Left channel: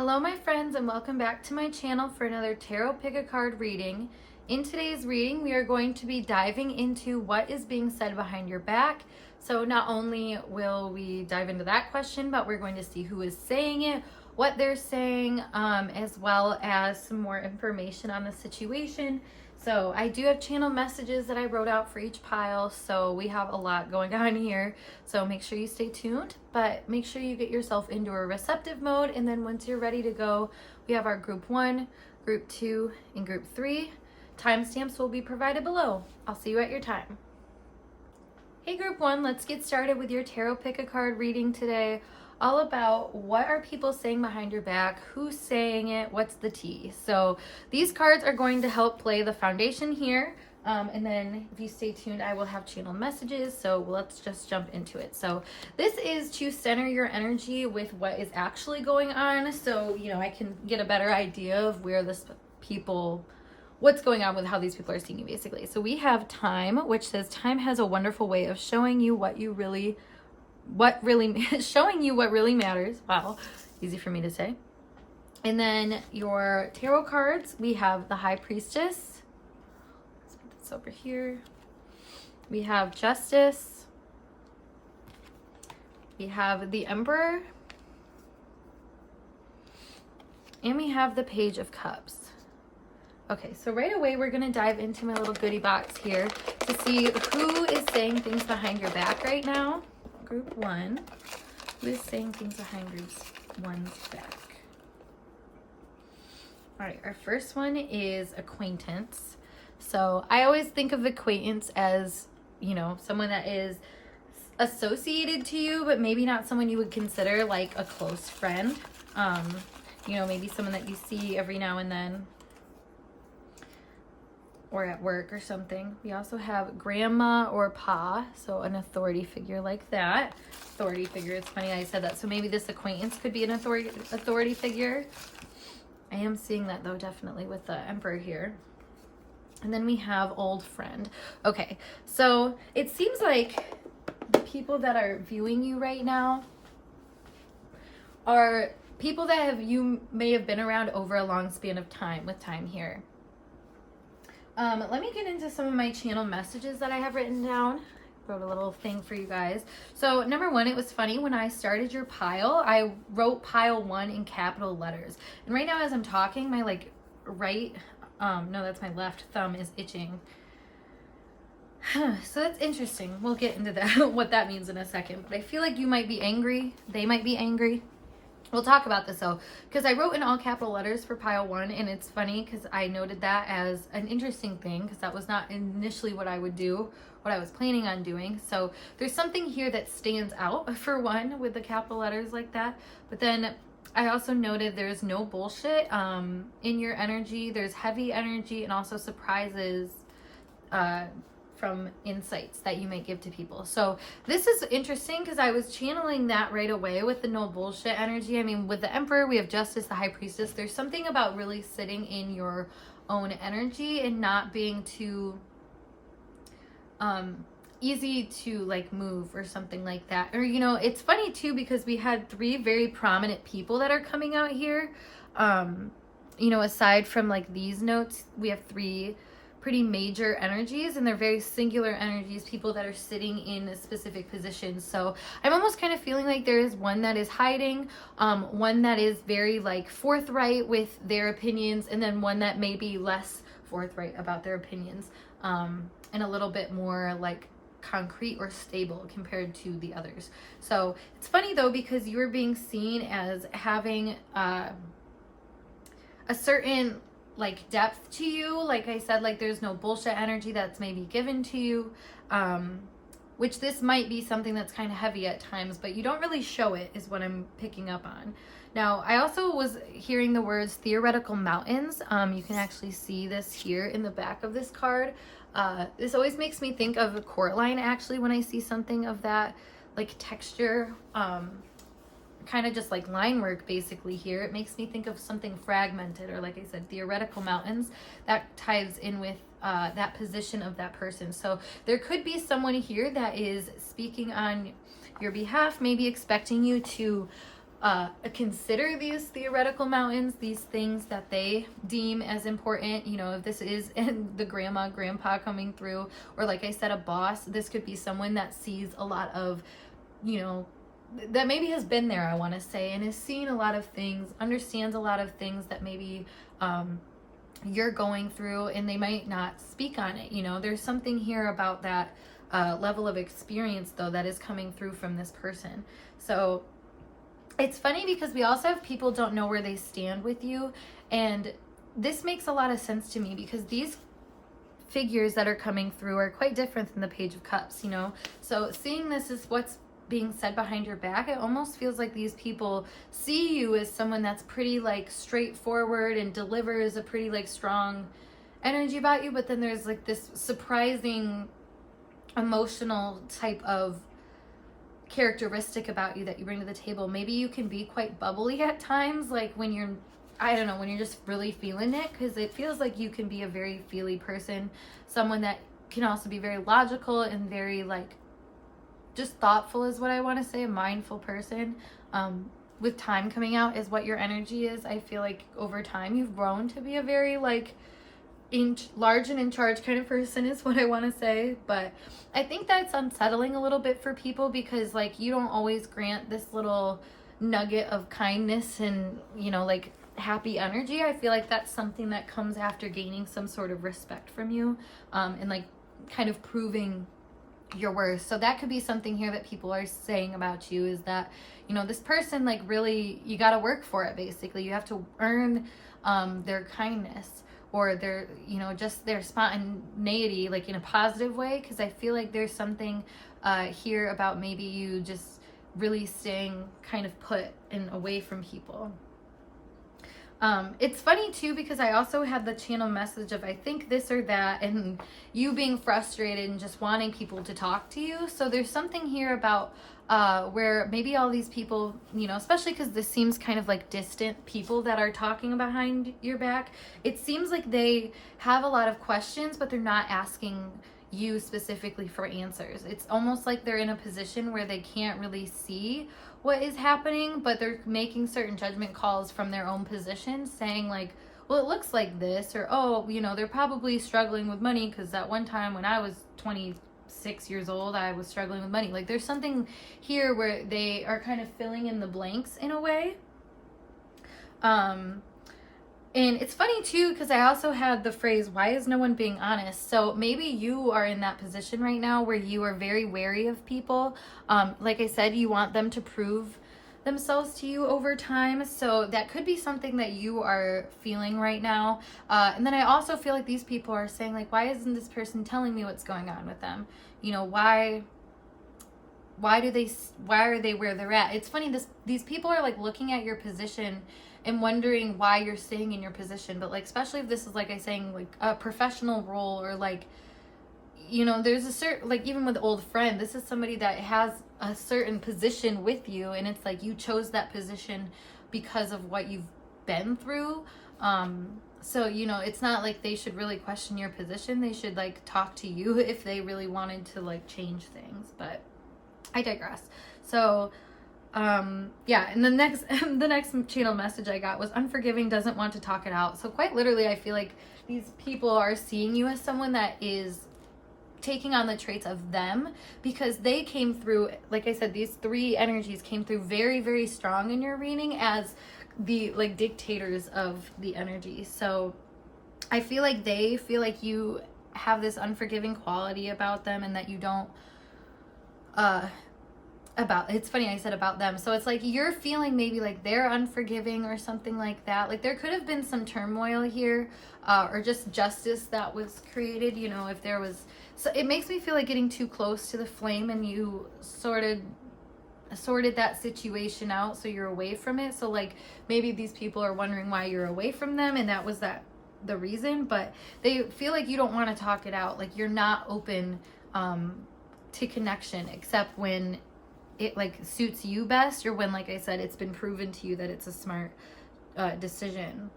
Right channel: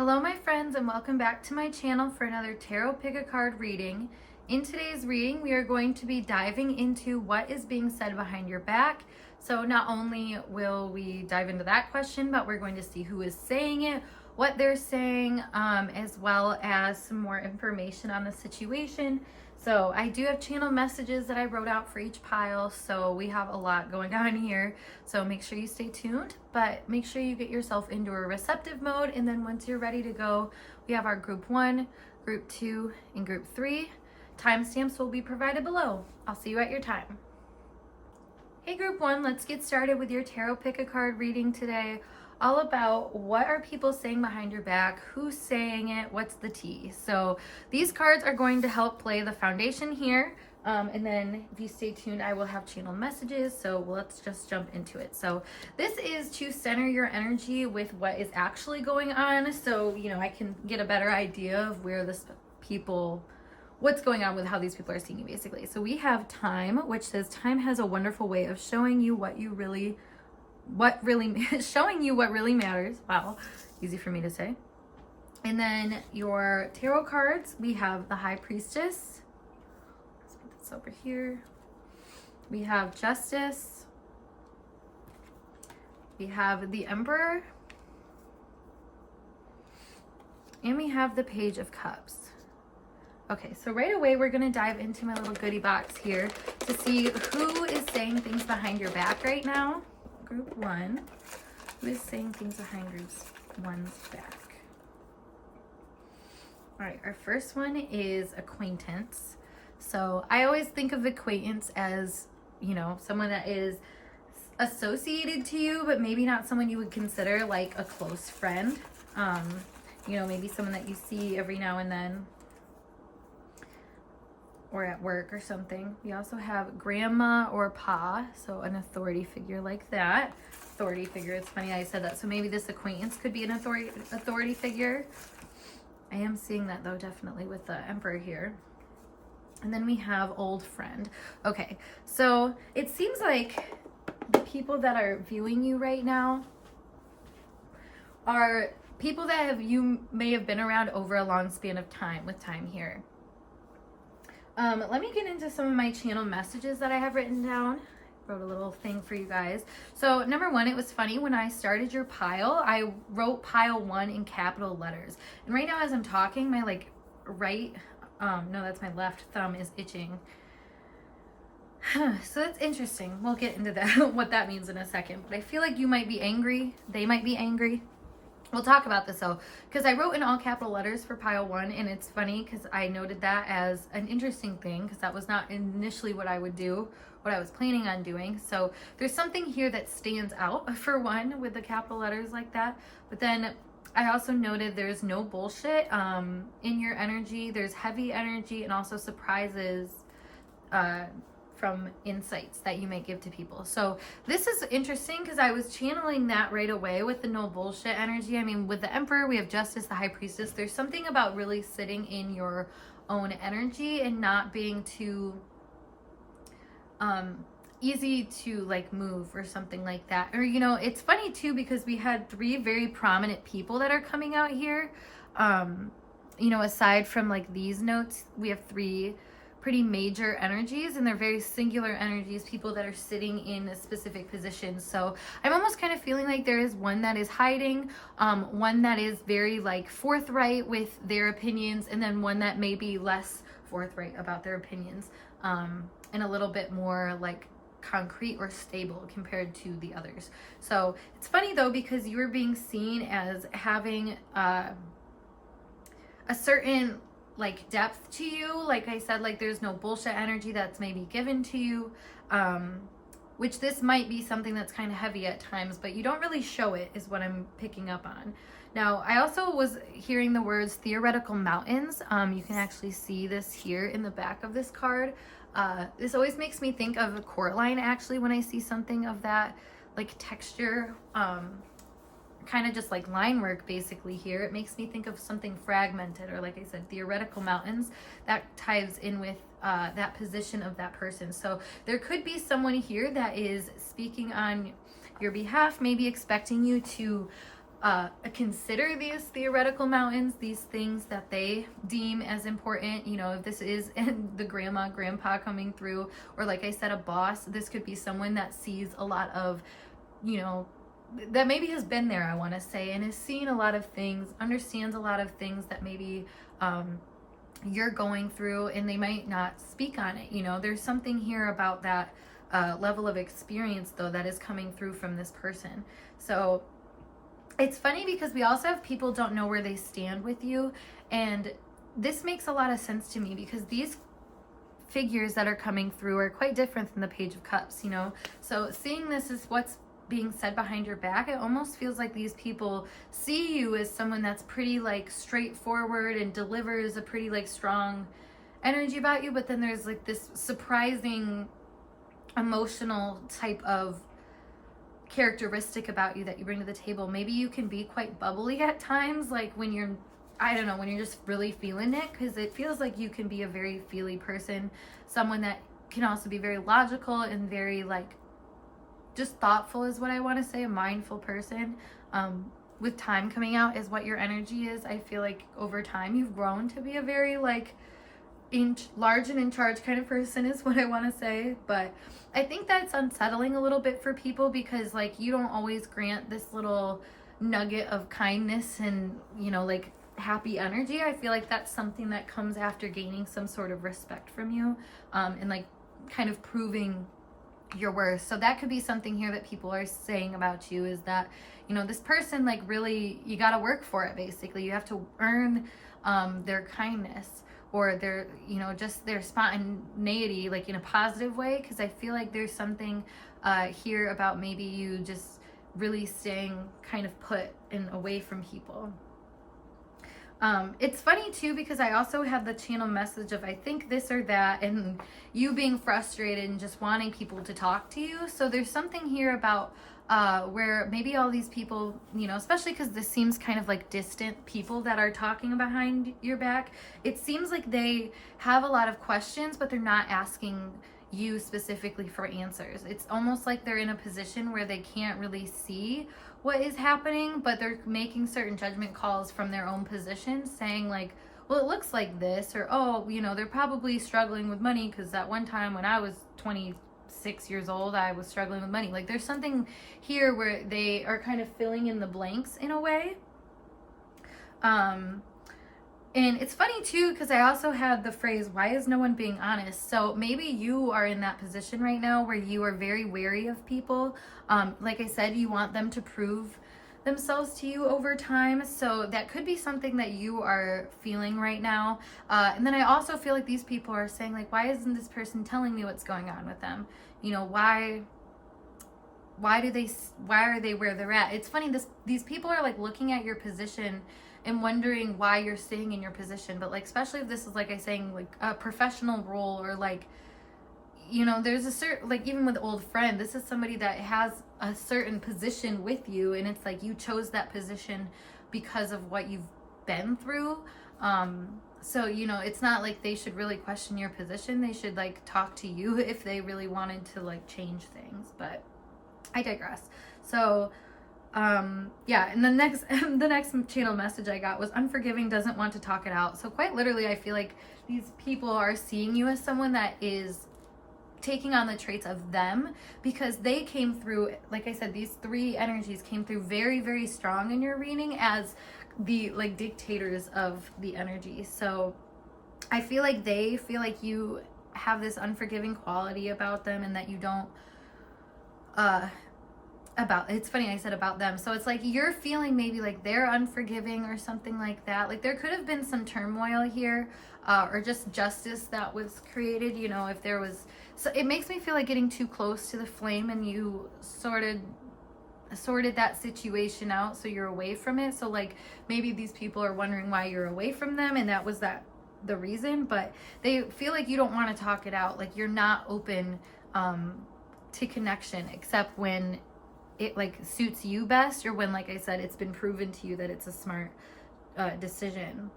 Hello my friends, and welcome back to my channel for another tarot pick a card reading. In today's reading we are going to be diving into what is being said behind your back. So not only will we dive into that question, but we're going to see who is saying it, what they're saying, as well as some more information on the situation. So I do have channel messages that I wrote out for each pile, so we have a lot going on here. So make sure you stay tuned, but make sure you get yourself into a receptive mode, and then once you're ready to go, we have our group 1, group 2, and group 3. Timestamps will be provided below. I'll see you at your time. Hey group 1, let's get started with your tarot pick a card reading today. All about what are people saying behind your back, who's saying it, what's the tea. So these cards are going to help play the foundation here, and then if you stay tuned I will have channel messages, so let's just jump into it. So this is to center your energy with what is actually going on, so I can get a better idea of where what's going on with how these people are seeing you basically. So we have time, which says time has a wonderful way of showing you what really matters. Wow, easy for me to say. And then your tarot cards, we have the High Priestess. Let's put this over here. We have Justice. We have the Emperor. And we have the Page of Cups. Okay, so right away we're going to dive into my little goodie box here to see who is saying things behind your back right now. Group 1, who is saying things behind group 1's back? All right, our first one is acquaintance. So I always think of acquaintance as, someone that is associated to you, but maybe not someone you would consider like a close friend. Maybe someone that you see every now and then, or at work or something. We also have grandma or pa, so an authority figure like that. Authority figure, it's funny I said that. So maybe this acquaintance could be an authority figure. I am seeing that though, definitely with the Emperor here. And then we have old friend. Okay, so it seems like the people that are viewing you right now are people that you may have been around over a long span of time, with time here. Let me get into some of my channel messages that I have written down. Wrote a little thing for you guys. So number 1, it was funny when I started your pile, I wrote pile 1 in capital letters. And right now as I'm talking, my that's my left thumb is itching. So that's interesting. We'll get into that, what that means in a second. But I feel like you might be angry. They might be angry. We'll talk about this though, because I wrote in all capital letters for pile 1, and it's funny because I noted that as an interesting thing because that was not initially what I would do, what I was planning on doing. So there's something here that stands out for 1 with the capital letters like that. But then I also noted there's no bullshit in your energy. There's heavy energy and also surprises from insights that you may give to people. So this is interesting because I was channeling that right away with the no bullshit energy. I mean, with the Emperor, we have Justice, the High Priestess. There's something about really sitting in your own energy and not being too easy to like move or something like that. Or, it's funny too because we had 3 very prominent people that are coming out here. Aside from like these notes, we have 3 pretty major energies, and they're very singular energies, people that are sitting in a specific position. So I'm almost kind of feeling like there is one that is hiding, one that is very like forthright with their opinions, and then one that may be less forthright about their opinions, and a little bit more like concrete or stable compared to the others. So it's funny though because you are being seen as having a certain like depth to you. Like I said, like there's no bullshit energy that's maybe given to you, which this might be something that's kind of heavy at times, but you don't really show it is what I'm picking up on. Now I also was hearing the words theoretical mountains. You can actually see this here in the back of this card. This always makes me think of a court line actually when I see something of that like texture, kind of just like line work basically here. It makes me think of something fragmented, or like I said, theoretical mountains. That ties in with that position of that person. So there could be someone here that is speaking on your behalf, maybe expecting you to consider these theoretical mountains, these things that they deem as important. You know, if this is the grandma, grandpa coming through, or like I said, a boss, this could be someone that sees a lot of, you know, that maybe has been there, I want to say, and has seen a lot of things, understands a lot of things that maybe you're going through, and they might not speak on it. You know, there's something here about that level of experience, though, that is coming through from this person. So it's funny because we also have people don't know where they stand with you, and this makes a lot of sense to me because these figures that are coming through are quite different than the Page of Cups, you know. So seeing this is what's being said behind your back, it almost feels like these people see you as someone that's pretty like straightforward and delivers a pretty like strong energy about you, but then there's like this surprising emotional type of characteristic about you that you bring to the table. Maybe you can be quite bubbly at times, like when you're, I don't know, when you're just really feeling it, because it feels like you can be a very feely person, someone that can also be very logical and very like just thoughtful is what I want to say, a mindful person. With time coming out is what your energy is. I feel like over time you've grown to be a very like large and in charge kind of person is what I want to say. But I think that's unsettling a little bit for people because like you don't always grant this little nugget of kindness and, you know, like happy energy. I feel like that's something that comes after gaining some sort of respect from you, and like kind of proving your worth. So that could be something here that people are saying about you, is that, you know, this person, like, really, you got to work for it. Basically, you have to earn their kindness, or their, you know, just their spontaneity, like in a positive way. Because I feel like there's something here about maybe you just really staying kind of put and away from people. It's funny too because I also had the channel message of I think this or that, and you being frustrated and just wanting people to talk to you. So there's something here about where maybe all these people, you know, especially because this seems kind of like distant people that are talking behind your back. It seems like they have a lot of questions, but they're not asking you specifically for answers. It's almost like they're in a position where they can't really see what is happening, but they're making certain judgment calls from their own position, saying like, well, it looks like this, or, oh, you know, they're probably struggling with money because that one time when I was 26 years old, I was struggling with money. Like there's something here where they are kind of filling in the blanks in a way. And it's funny too, because I also had the phrase, why is no one being honest? So maybe you are in that position right now where you are very wary of people. Like I said, you want them to prove themselves to you over time. So that could be something that you are feeling right now. And then I also feel like these people are saying like, why isn't this person telling me what's going on with them? You know, why are they where they're at? It's funny, these people are like looking at your position and wondering why you're staying in your position. But like, especially if this is, like I saying, like a professional role, or like, you know, there's a certain, like even with old friend, this is somebody that has a certain position with you, and it's like you chose that position because of what you've been through. So, you know, it's not like they should really question your position. They should like talk to you if they really wanted to like change things. But I digress. So yeah, and the next channel message I got was unforgiving, doesn't want to talk it out. So quite literally, I feel like these people are seeing you as someone that is taking on the traits of them, because they came through, like I said, these three energies came through very, very strong in your reading as the like dictators of the energy. So I feel like they feel like you have this unforgiving quality about them, and that you don't it's funny I said about them. So it's like you're feeling maybe like they're unforgiving or something like that. Like there could have been some turmoil here, or just justice that was created, you know, if there was. So it makes me feel like getting too close to the flame, and you sorted that situation out, so you're away from it. So like maybe these people are wondering why you're away from them, and that was the reason. But they feel like you don't want to talk it out, like you're not open to connection, except when it like suits you best, or when, like I said, it's been proven to you that it's a smart decision.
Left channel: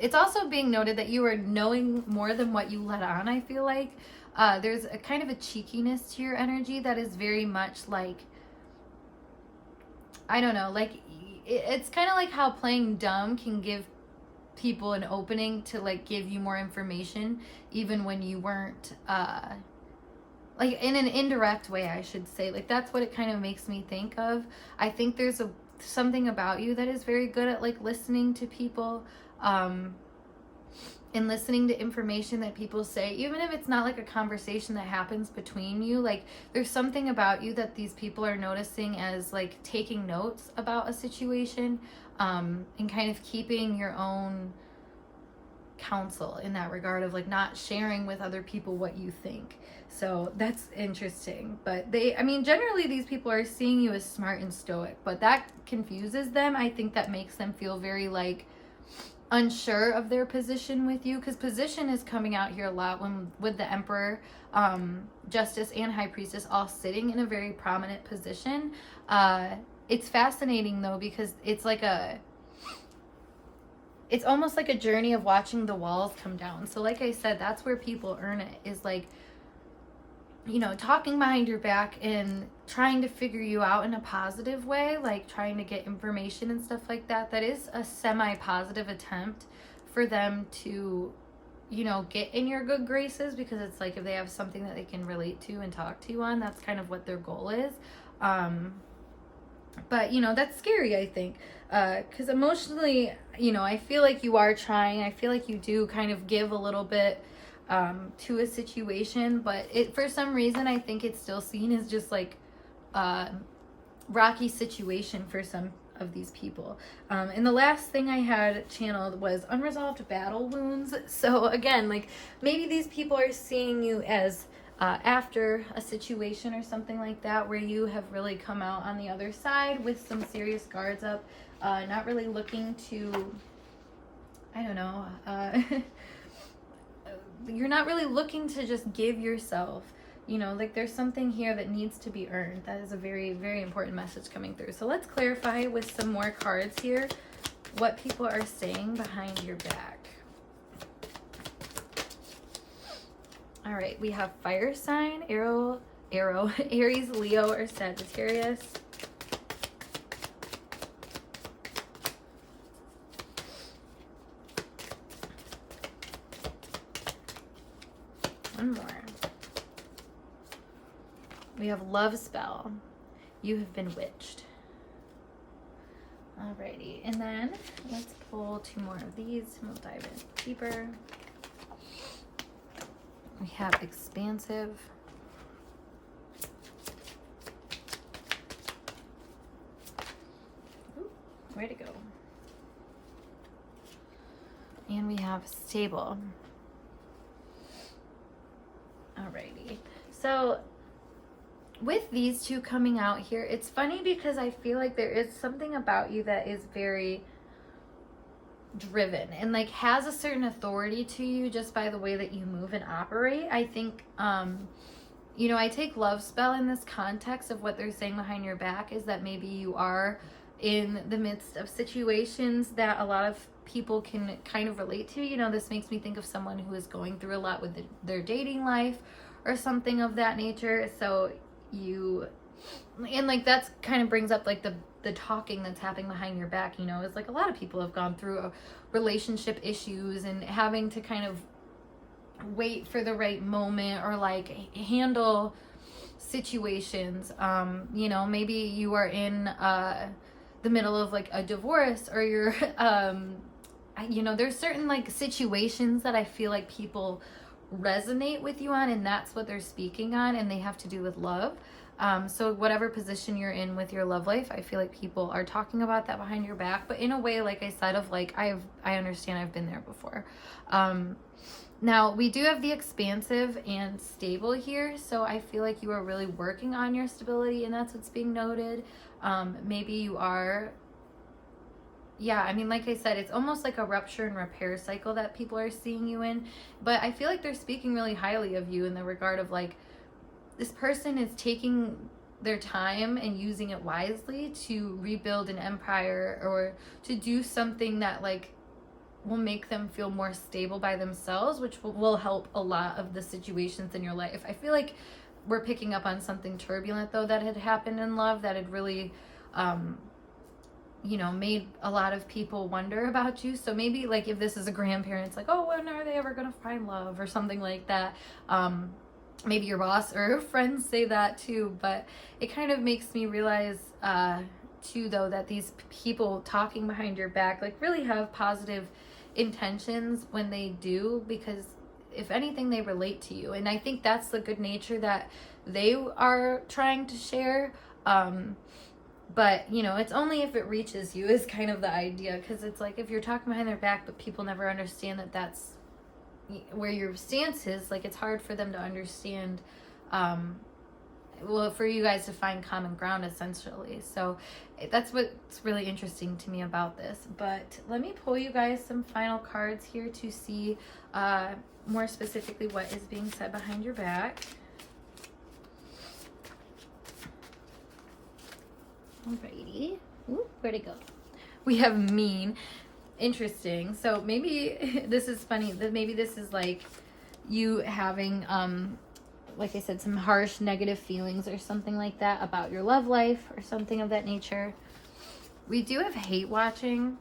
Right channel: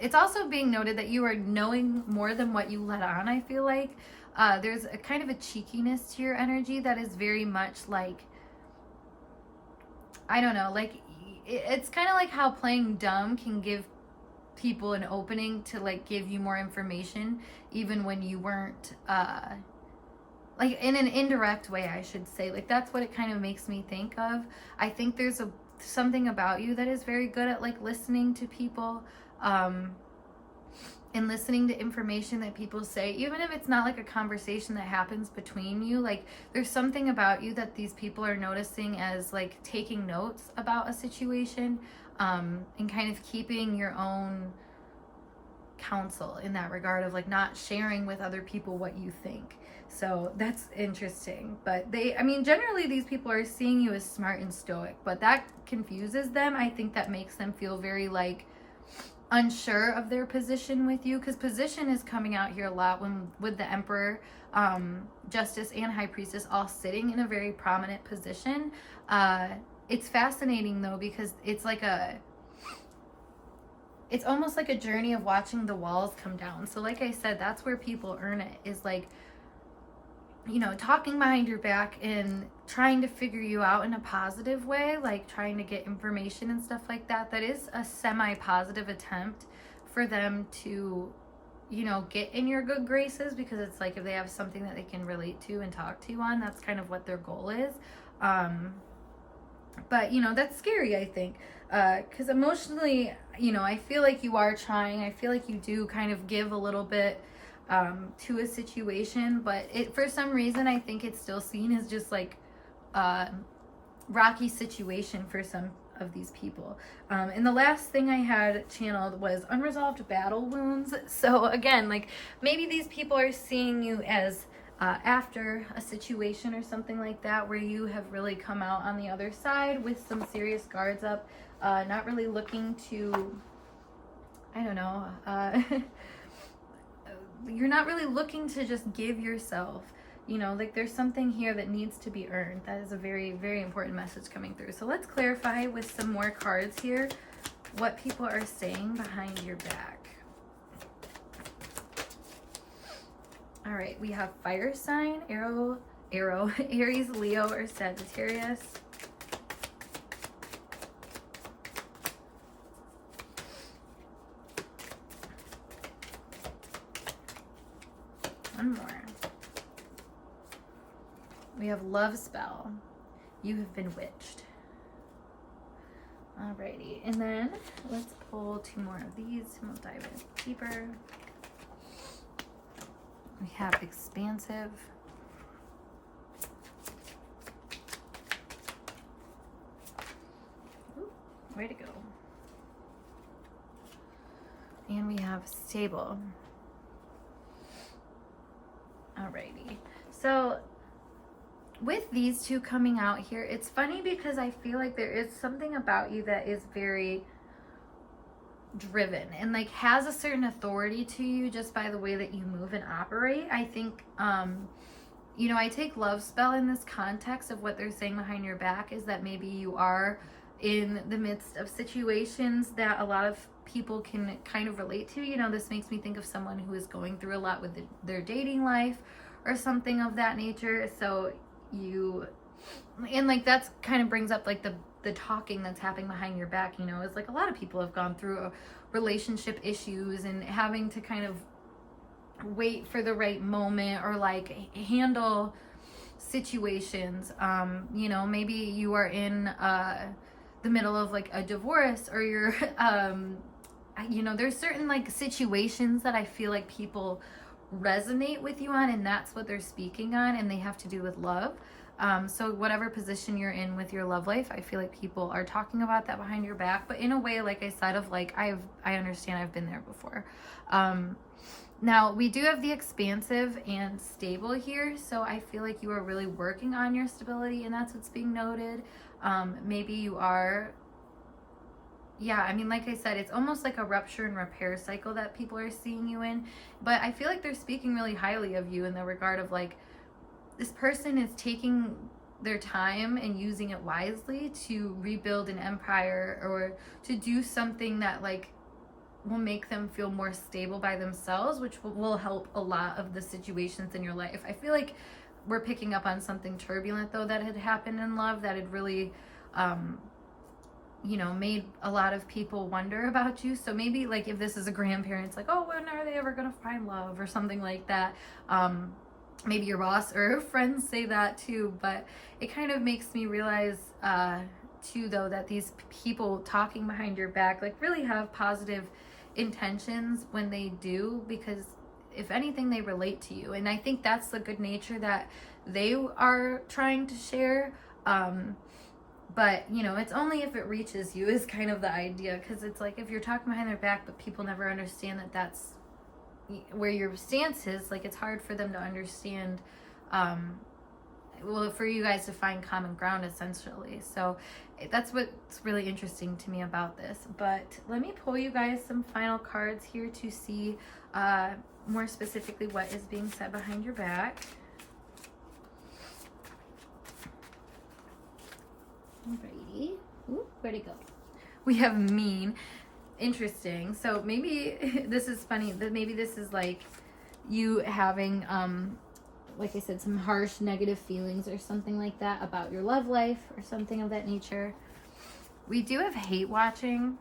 It's also being noted that you are knowing more than what you let on. I feel like there's a kind of a cheekiness to your energy that is very much like I don't know, like it's kind of like how playing dumb can give people an opening to like give you more information even when you weren't like in an indirect way, I should say. Like that's what it kind of makes me think of. I think there's something about you that is very good at like listening to people, and listening to information that people say, even if it's not like a conversation that happens between you. Like there's something about you that these people are noticing as like taking notes about a situation, and kind of keeping your own counsel in that regard of like not sharing with other people what you think. So that's interesting. But I mean, generally these people are seeing you as smart and stoic, but that confuses them. I think that makes them feel very like unsure of their position with you, because position is coming out here a lot when with the Emperor, Justice, and High Priestess all sitting in a very prominent position. It's fascinating though, because it's almost like a journey of watching the walls come down. So like I said, that's where people earn it, is like, you know, talking behind your back and trying to figure you out in a positive way, like trying to get information and stuff like that. That is a semi-positive attempt for them to, you know, get in your good graces, because it's like if they have something that they can relate to and talk to you on, that's kind of what their goal is. But, you know, that's scary, I think, because emotionally, you know, I feel like you are trying. I feel like you do kind of give a little bit to a situation, but for some reason, I think it's still seen as just like rocky situation for some of these people. And the last thing I had channeled was unresolved battle wounds. So again, like maybe these people are seeing you as after a situation or something like that, where you have really come out on the other side with some serious guards up, not really looking to, I don't know, you're not really looking to just give yourself, you know, like there's something here that needs to be earned. That is a very, very important message coming through. So let's clarify with some more cards here what people are saying behind your back. All right, we have fire sign, arrow, Aries, Leo, or Sagittarius. One more. We have love spell. You have been witched. Alrighty, and then let's pull two more of these and we'll dive in deeper. We have expansive. Ooh, way to go. And we have stable. Alrighty. So with these two coming out here, it's funny because I feel like there is something about you that is very driven and like has a certain authority to you just by the way that you move and operate. I think, you know, I take love spell in this context of what they're saying behind your back is that maybe you are in the midst of situations that a lot of people can kind of relate to. You know, this makes me think of someone who is going through a lot with their dating life or something of that nature. So and like that's kind of brings up like the talking that's happening behind your back, you know, is like a lot of people have gone through relationship issues and having to kind of wait for the right moment or like handle situations. You know, maybe you are in the middle of like a divorce, or you're you know, there's certain like situations that I feel like people resonate with you on, and that's what they're speaking on, and they have to do with love. So whatever position you're in with your love life, I feel like people are talking about that behind your back, but in a way, like I said, of like, I understand, I've been there before. Now we do have the expansive and stable here. So I feel like you are really working on your stability, and that's what's being noted. Maybe you are, yeah, I mean, like I said, it's almost like a rupture and repair cycle that people are seeing you in, but I feel like they're speaking really highly of you in the regard of like, this person is taking their time and using it wisely to rebuild an empire or to do something that like will make them feel more stable by themselves, which will help a lot of the situations in your life. I feel like we're picking up on something turbulent though that had happened in love that had really you know, made a lot of people wonder about you. So maybe like if this is a grandparent, it's like, oh, when are they ever gonna find love or something like that. Maybe your boss or friends say that too, but it kind of makes me realize too, though, that these people talking behind your back like really have positive intentions when they do, because if anything, they relate to you. And I think that's the good nature that they are trying to share. But, you know, it's only if it reaches you is kind of the idea, because it's like if you're talking behind their back, but people never understand that that's where your stance is, like it's hard for them to understand, well, for you guys to find common ground, essentially. So that's what's really interesting to me about this. But let me pull you guys some final cards here to see more specifically what is being said behind your back. Alrighty. Ooh, where'd it go? We have mean. Interesting. So maybe this is funny. That maybe this is like you having, like I said, some harsh negative feelings or something like that about your love life or something of that nature. We do have hate watching,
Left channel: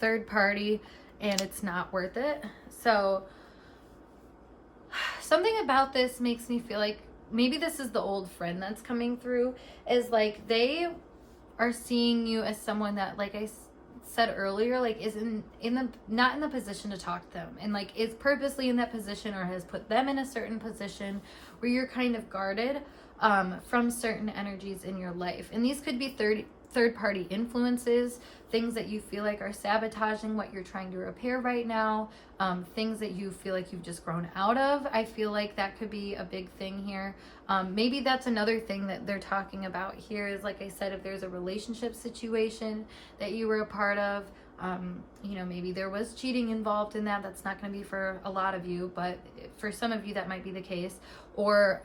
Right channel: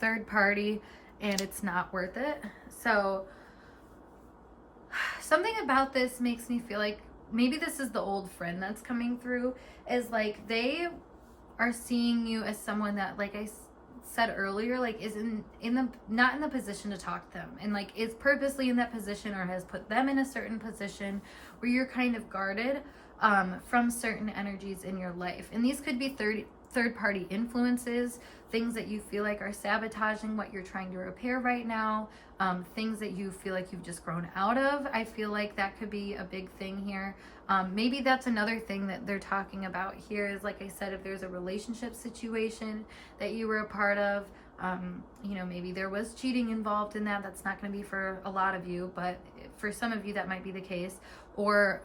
third party, and it's not worth it. So something about this makes me feel like maybe this is the old friend that's coming through, is like they are seeing you as someone that, like I said earlier, like is not in the position to talk to them, and like is purposely in that position or has put them in a certain position where you're kind of guarded from certain energies in your life. And these could be third party influences, things that you feel like are sabotaging what you're trying to repair right now, things that you feel like you've just grown out of. I feel like that could be a big thing here. Maybe that's another thing that they're talking about here is, like I said, if there's a relationship situation that you were a part of, you know, maybe there was cheating involved in that. That's not going to be for a lot of you, but for some of you that might be the case. Or,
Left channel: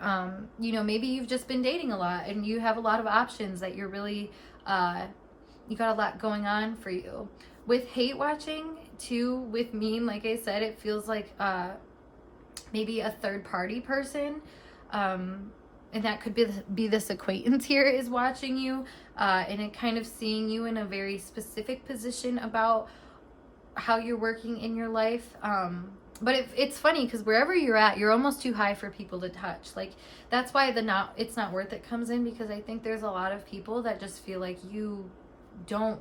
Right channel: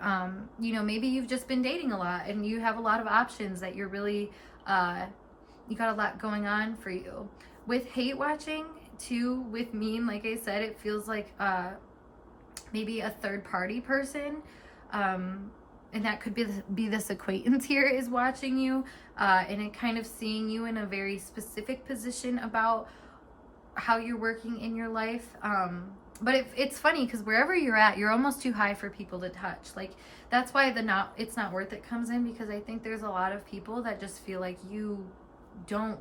you know, maybe you've just been dating a lot and you have a lot of options that you're really, you got a lot going on for you. With hate watching too, with mean, like I said, it feels like maybe a third party person, and that could be this acquaintance here is watching you, and it kind of seeing you in a very specific position about how you're working in your life. But it's funny because wherever you're at, you're almost too high for people to touch. Like that's why it's not worth it comes in, because I think there's a lot of people that just feel like you don't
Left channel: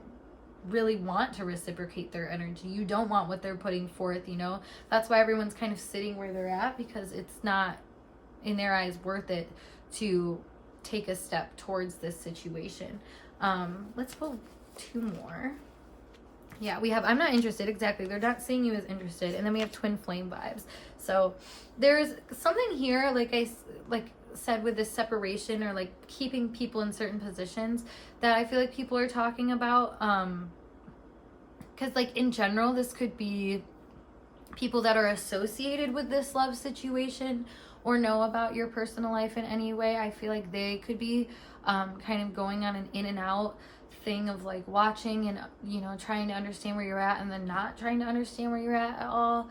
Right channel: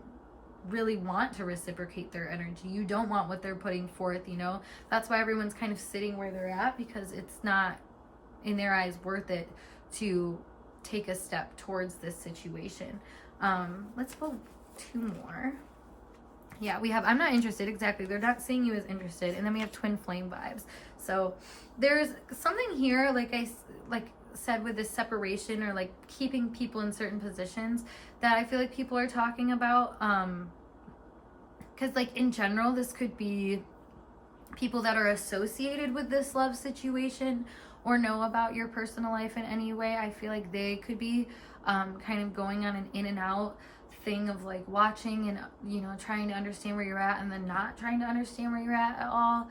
really want to reciprocate their energy. You don't want what they're putting forth, you know. That's why everyone's kind of sitting where they're at, because it's not in their eyes worth it to take a step towards this situation. Let's pull two more. Yeah, we have I'm not interested. Exactly, they're not seeing you as interested. And then we have twin flame vibes. So there's something here, like I said, with this separation or like keeping people in certain positions that I feel like people are talking about, because like in general this could be people that are associated with this love situation or know about your personal life in any way. I feel like they could be kind of going on an in and out thing of like watching and, you know, trying to understand where you're at and then not trying to understand where you're at all.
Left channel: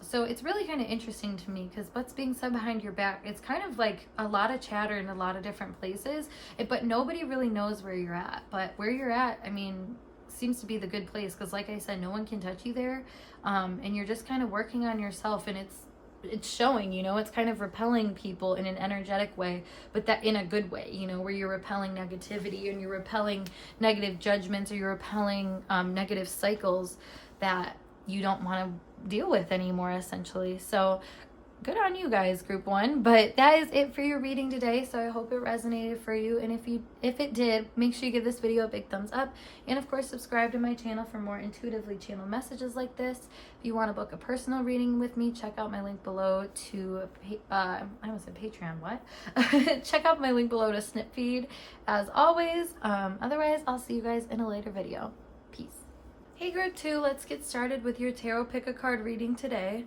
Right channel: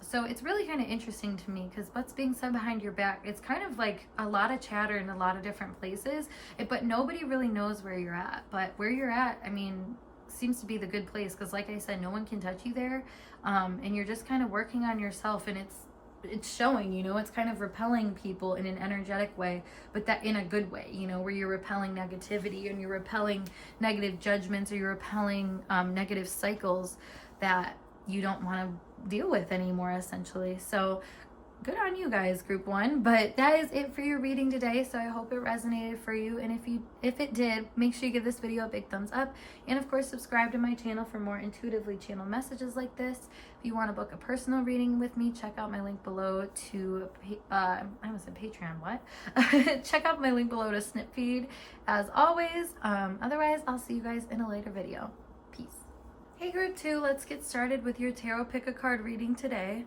So it's really kind of interesting to me, because what's being said behind your back, it's kind of like a lot of chatter in a lot of different places, but nobody really knows where you're at. But where you're at, I mean, seems to be the good place, because like I said, no one can touch you there, and you're just kind of working on yourself, and it's showing, you know, it's kind of repelling people in an energetic way, but that in a good way, you know, where you're repelling negativity and you're repelling negative judgments, or you're repelling negative cycles that you don't want to deal with anymore, essentially. So good on you guys, group one. But that is it for your reading today. So I hope it resonated for you, and if it did, make sure you give this video a big thumbs up, and of course subscribe to my channel for more intuitively channeled messages like this. If you want to book a personal reading with me, check out my link below to I almost said Patreon, what? Check out my link below to Snip Feed as always. Otherwise, I'll see you guys in a later video. Peace. Hey group two, let's get started with your tarot pick a card reading today,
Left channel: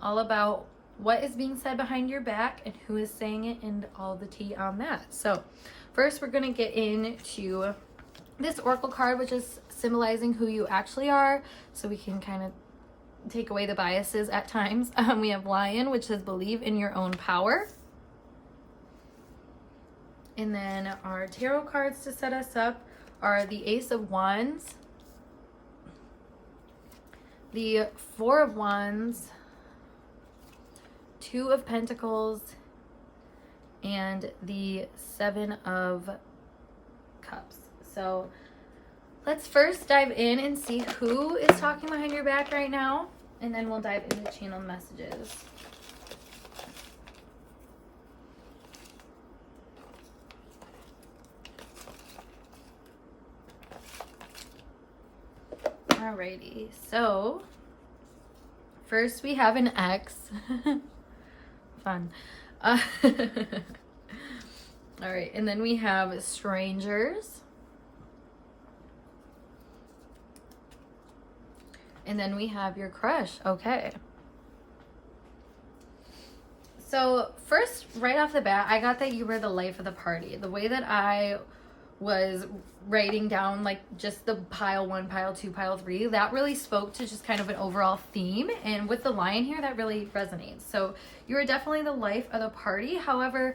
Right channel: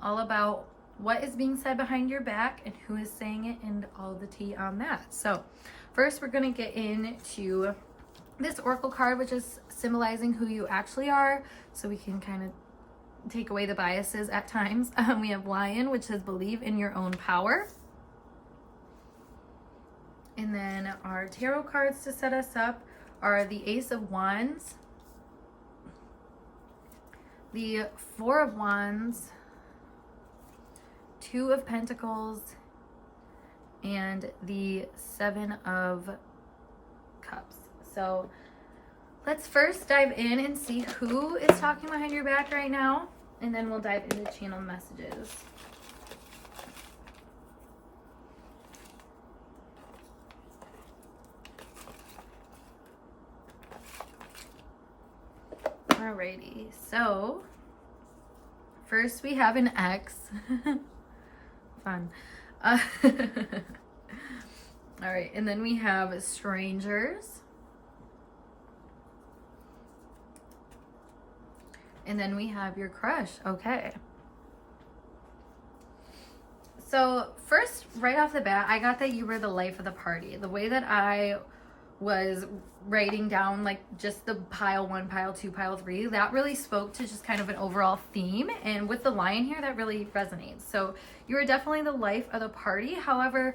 all about what is being said behind your back and who is saying it and all the tea on that. So first we're going to get into this oracle card, which is symbolizing who you actually are, so we can kind of take away the biases at times. We have Lion, which says believe in your own power. And then our tarot cards to set us up are the Ace of Wands, the Four of Wands, Two of Pentacles, and the Seven of Cups. So let's first dive in and see who is talking behind your back right now, and then we'll dive into channel messages. Alrighty, so first we have an ex. Fun. All right, and then we have strangers. And then we have your crush. Okay. So first, right off the bat, I got that you were the life of the party. The way that I was writing down like just the pile 1, pile 2, pile 3, that really spoke to just kind of an overall theme. And with the lion here, that really resonates. So you are definitely the life of the party. However,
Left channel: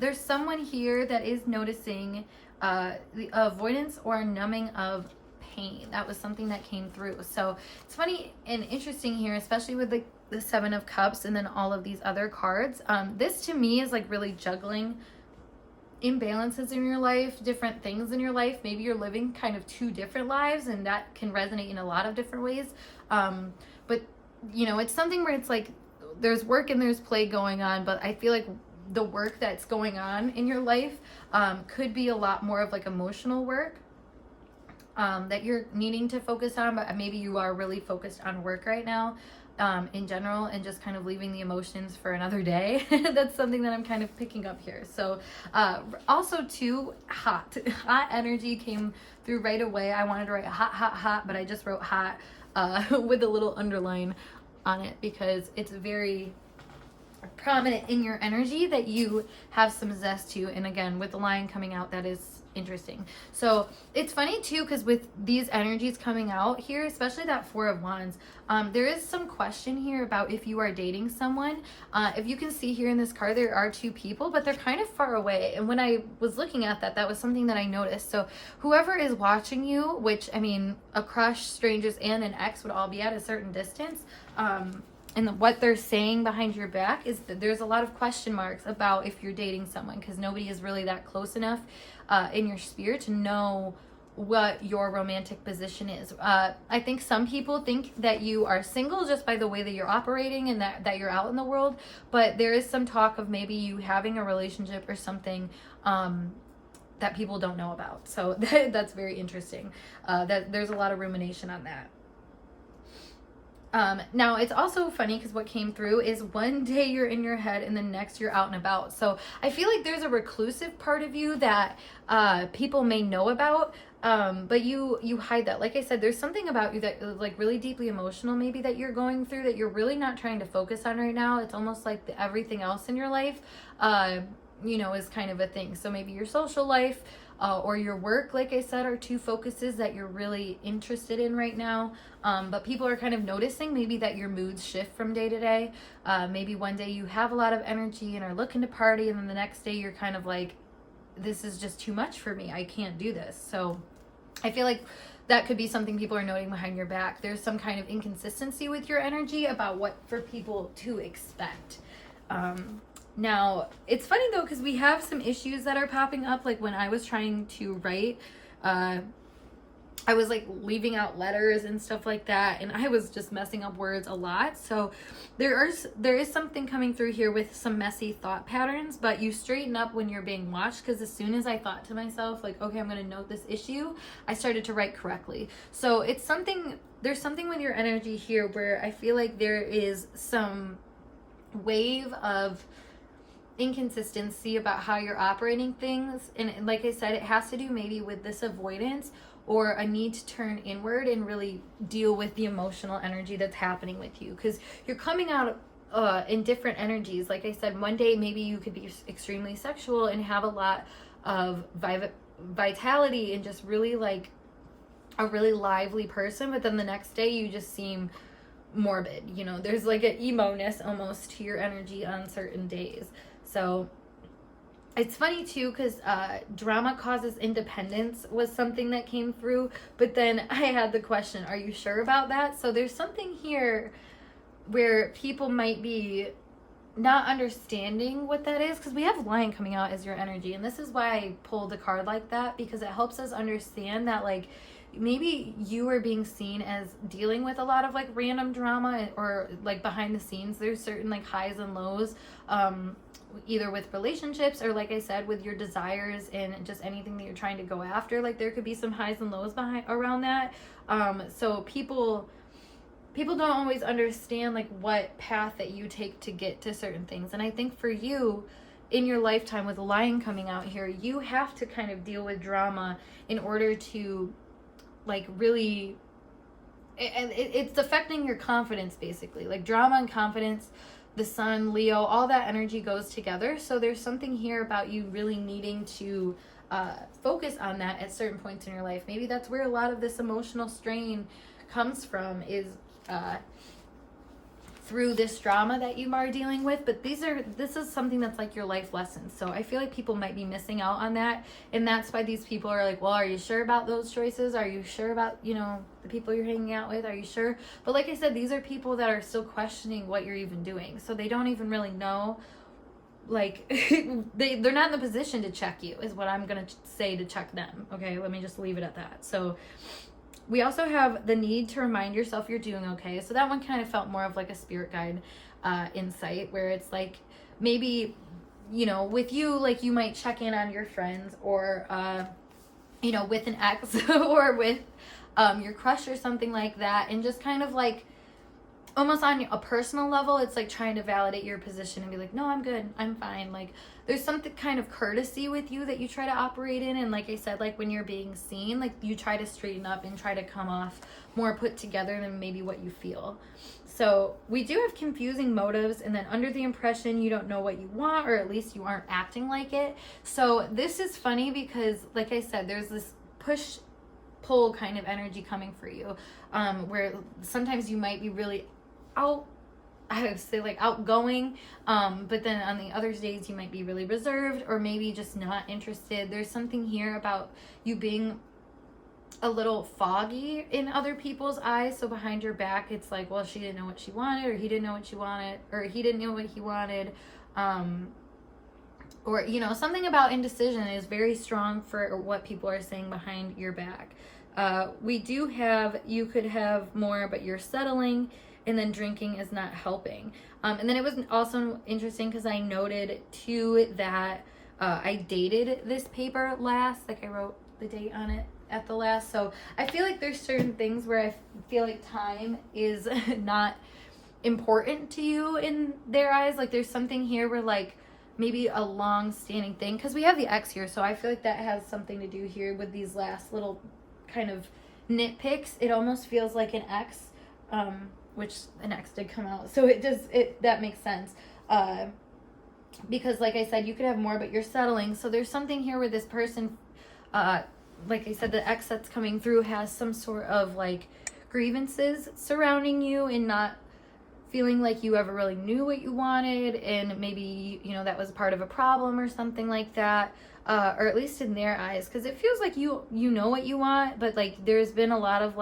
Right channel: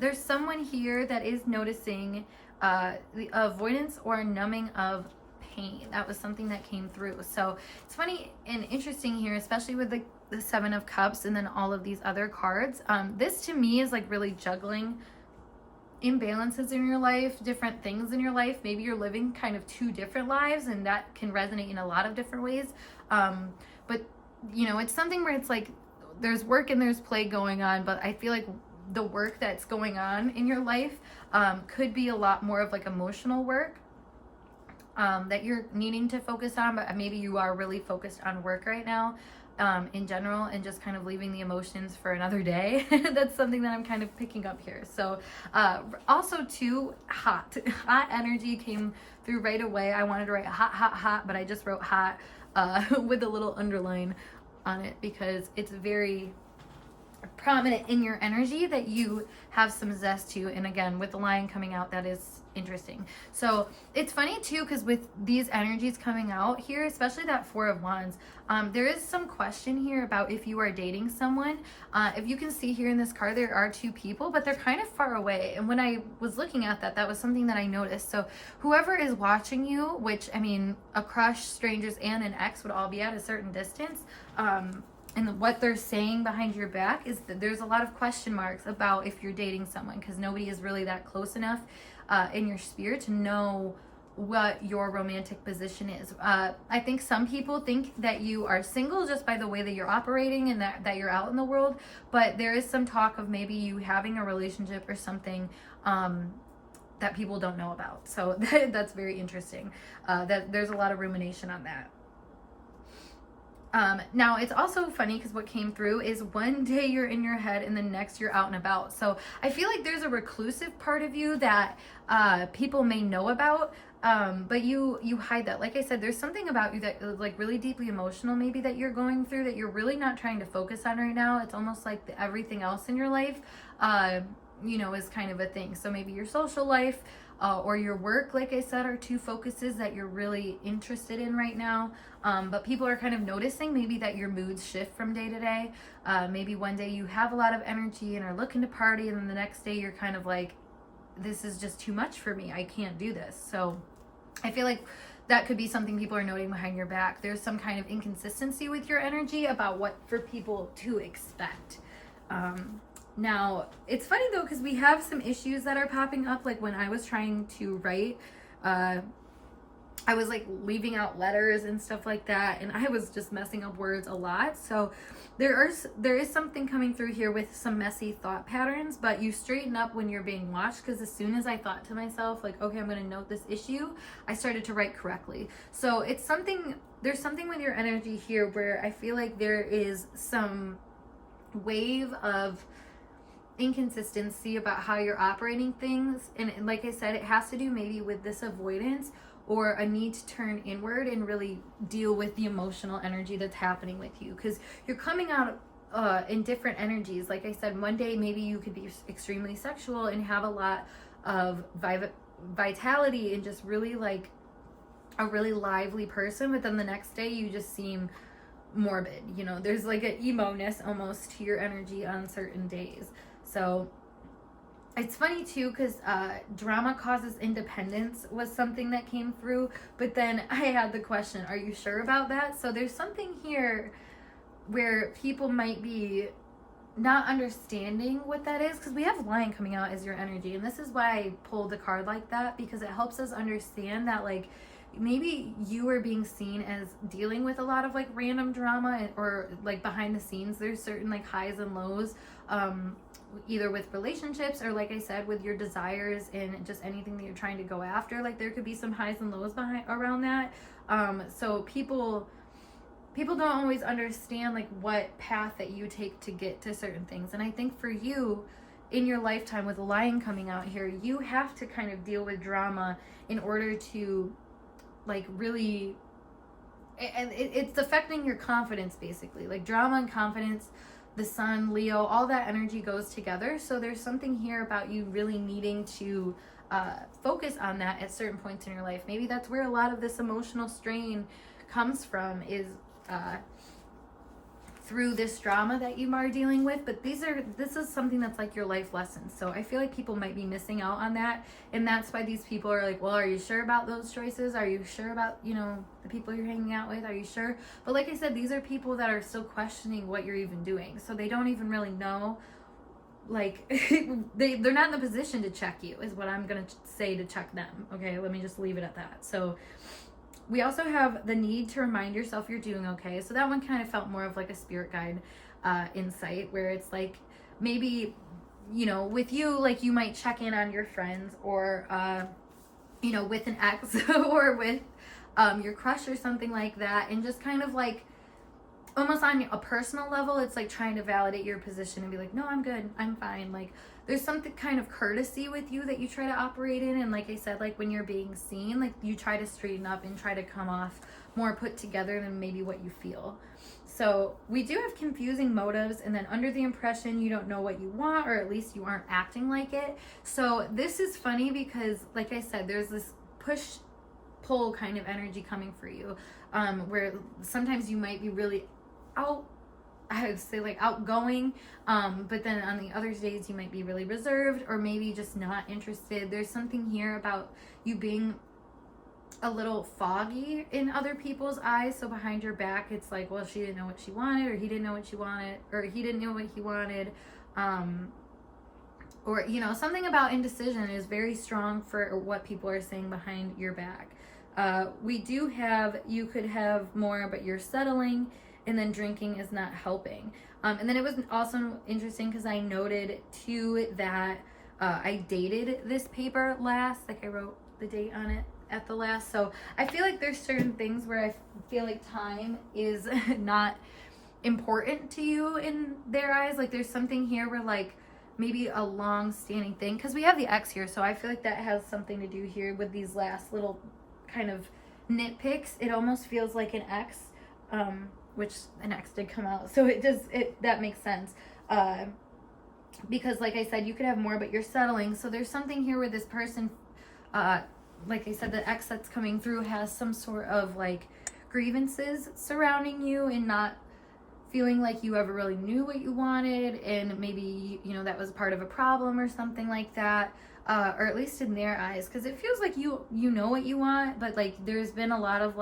there's someone here that is noticing the avoidance or numbing of pain. That was something that came through. So it's funny and interesting here, especially with the Seven of Cups and then all of these other cards. This to me is like really juggling imbalances in your life, different things in your life. Maybe you're living kind of two different lives, and that can resonate in a lot of different ways. But you know, it's something where it's like there's work and there's play going on, but I feel like the work that's going on in your life could be a lot more of like emotional work that you're needing to focus on, but maybe you are really focused on work right now in general, and just kind of leaving the emotions for another day. That's something that I'm kind of picking up here. So also too, hot energy came through right away. I wanted to write hot, but I just wrote hot with a little underline on it because it's very prominent in your energy that you have some zest to. And again, with the lion coming out, that is interesting. So it's funny too, because with these energies coming out here, especially that Four of Wands, there is some question here about if you are dating someone. If you can see here in this card, there are two people, but they're kind of far away. And when I was looking at that, that was something that I noticed. So whoever is watching you, which I mean, a crush, strangers, and an ex would all be at a certain distance. And what they're saying behind your back is that there's a lot of question marks about if you're dating someone, because nobody is really that close enough in your spirit to know what your romantic position is. I think some people think that you are single just by the way that you're operating and that you're out in the world, but there is some talk of maybe you having a relationship or something that people don't know about. So that's very interesting. That there's a lot of rumination on that. Now it's also funny because what came through is one day you're in your head and the next you're out and about. So I feel like there's a reclusive part of you that people may know about, but you hide that. Like I said, there's something about you that is like really deeply emotional maybe that you're going through that you're really not trying to focus on right now. It's almost like everything else in your life, you know, is kind of a thing. So maybe your social life or your work, like I said, are two focuses that you're really interested in right now. But people are kind of noticing maybe that your moods shift from day to day. Maybe one day you have a lot of energy and are looking to party, and then the next day you're kind of like, this is just too much for me. I can't do this. So I feel like that could be something people are noting behind your back. There's some kind of inconsistency with your energy about what for people to expect. Now, it's funny though, because we have some issues that are popping up. Like when I was trying to write, I was like leaving out letters and stuff like that, and I was just messing up words a lot. So there is something coming through here with some messy thought patterns, but you straighten up when you're being watched, because as soon as I thought to myself, like, okay, I'm going to note this issue, I started to write correctly. So it's something, there's something with your energy here where I feel like there is some wave of inconsistency about how you're operating things. And like I said, it has to do maybe with this avoidance or a need to turn inward and really deal with the emotional energy that's happening with you, because you're coming out in different energies. Like I said, one day maybe you could be extremely sexual and have a lot of vitality and just really like a really lively person, but then the next day you just seem morbid. You know, there's like an emo-ness almost to your energy on certain days. So It's funny too, because drama causes independence was something that came through, but then I had the question, are you sure about that? So there's something here where people might be not understanding what that is, because we have Lion coming out as your energy, and this is why I pulled a card like that, because it helps us understand that like maybe you are being seen as dealing with a lot of like random drama, or like behind the scenes there's certain like highs and lows, either with relationships or like I said with your desires and just anything that you're trying to go after. Like there could be some highs and lows behind around that. So people don't always understand like what path that you take to get to certain things. And I think for you in your lifetime with the Lion coming out here, you have to kind of deal with drama in order to like really, and it's affecting your confidence basically. Like drama and confidence, the sun, Leo, all that energy goes together. So there's something here about you really needing to focus on that at certain points in your life. Maybe that's where a lot of this emotional strain comes from, is through this drama that you are dealing with. But this is something that's like your life lessons. So I feel like people might be missing out on that, and that's why these people are like, well, are you sure about those choices? Are you sure about, you know, the people you're hanging out with? Are you sure? But like I said, these are people that are still questioning what you're even doing, so they don't even really know, like they're not in the position to check you, is what I'm gonna say, to check them. Okay, let me just leave it at that. So we also have the need to remind yourself you're doing okay. So that one kind of felt more of like a spirit guide insight, where it's like maybe, you know, with you, like you might check in on your friends, or you know, with an ex or with your crush or something like that, and just kind of like almost on a personal level, it's like trying to validate your position and be like, no, I'm good, I'm fine. Like there's something kind of courtesy with you that you try to operate in. And like I said, like when you're being seen, like you try to straighten up and try to come off more put together than maybe what you feel. So we do have confusing motives, and then under the impression you don't know what you want, or at least you aren't acting like it. So this is funny because like I said, there's this push pull kind of energy coming for you, where sometimes you might be really I would say like outgoing, but then on the other days you might be really reserved, or maybe just not interested. There's something here about you being a little foggy in other people's eyes. So behind your back, it's like, well, she didn't know what she wanted, or he didn't know what she wanted, or he didn't know what he wanted, or you know, something about indecision is very strong for what people are saying behind your back. We do have, you could have more, but you're settling. And then drinking is not helping. And then it was also interesting because I noted too that I dated this paper last, like I wrote the date on it at the last. So I feel like there's certain things where I feel like time is not important to you in their eyes. Like there's something here where like maybe a long standing thing, because we have the X here. So I feel like that has something to do here with these last little kind of nitpicks. It almost feels like an X, which an X did come out, so that makes sense, because like I said, you could have more, but you're settling. So there's something here where this person, like I said, the X that's coming through has some sort of like grievances surrounding you, and not feeling like you ever really knew what you wanted, and maybe, you know, that was part of a problem or something like that, or at least in their eyes, because it feels like you know what you want, but like there's been a lot of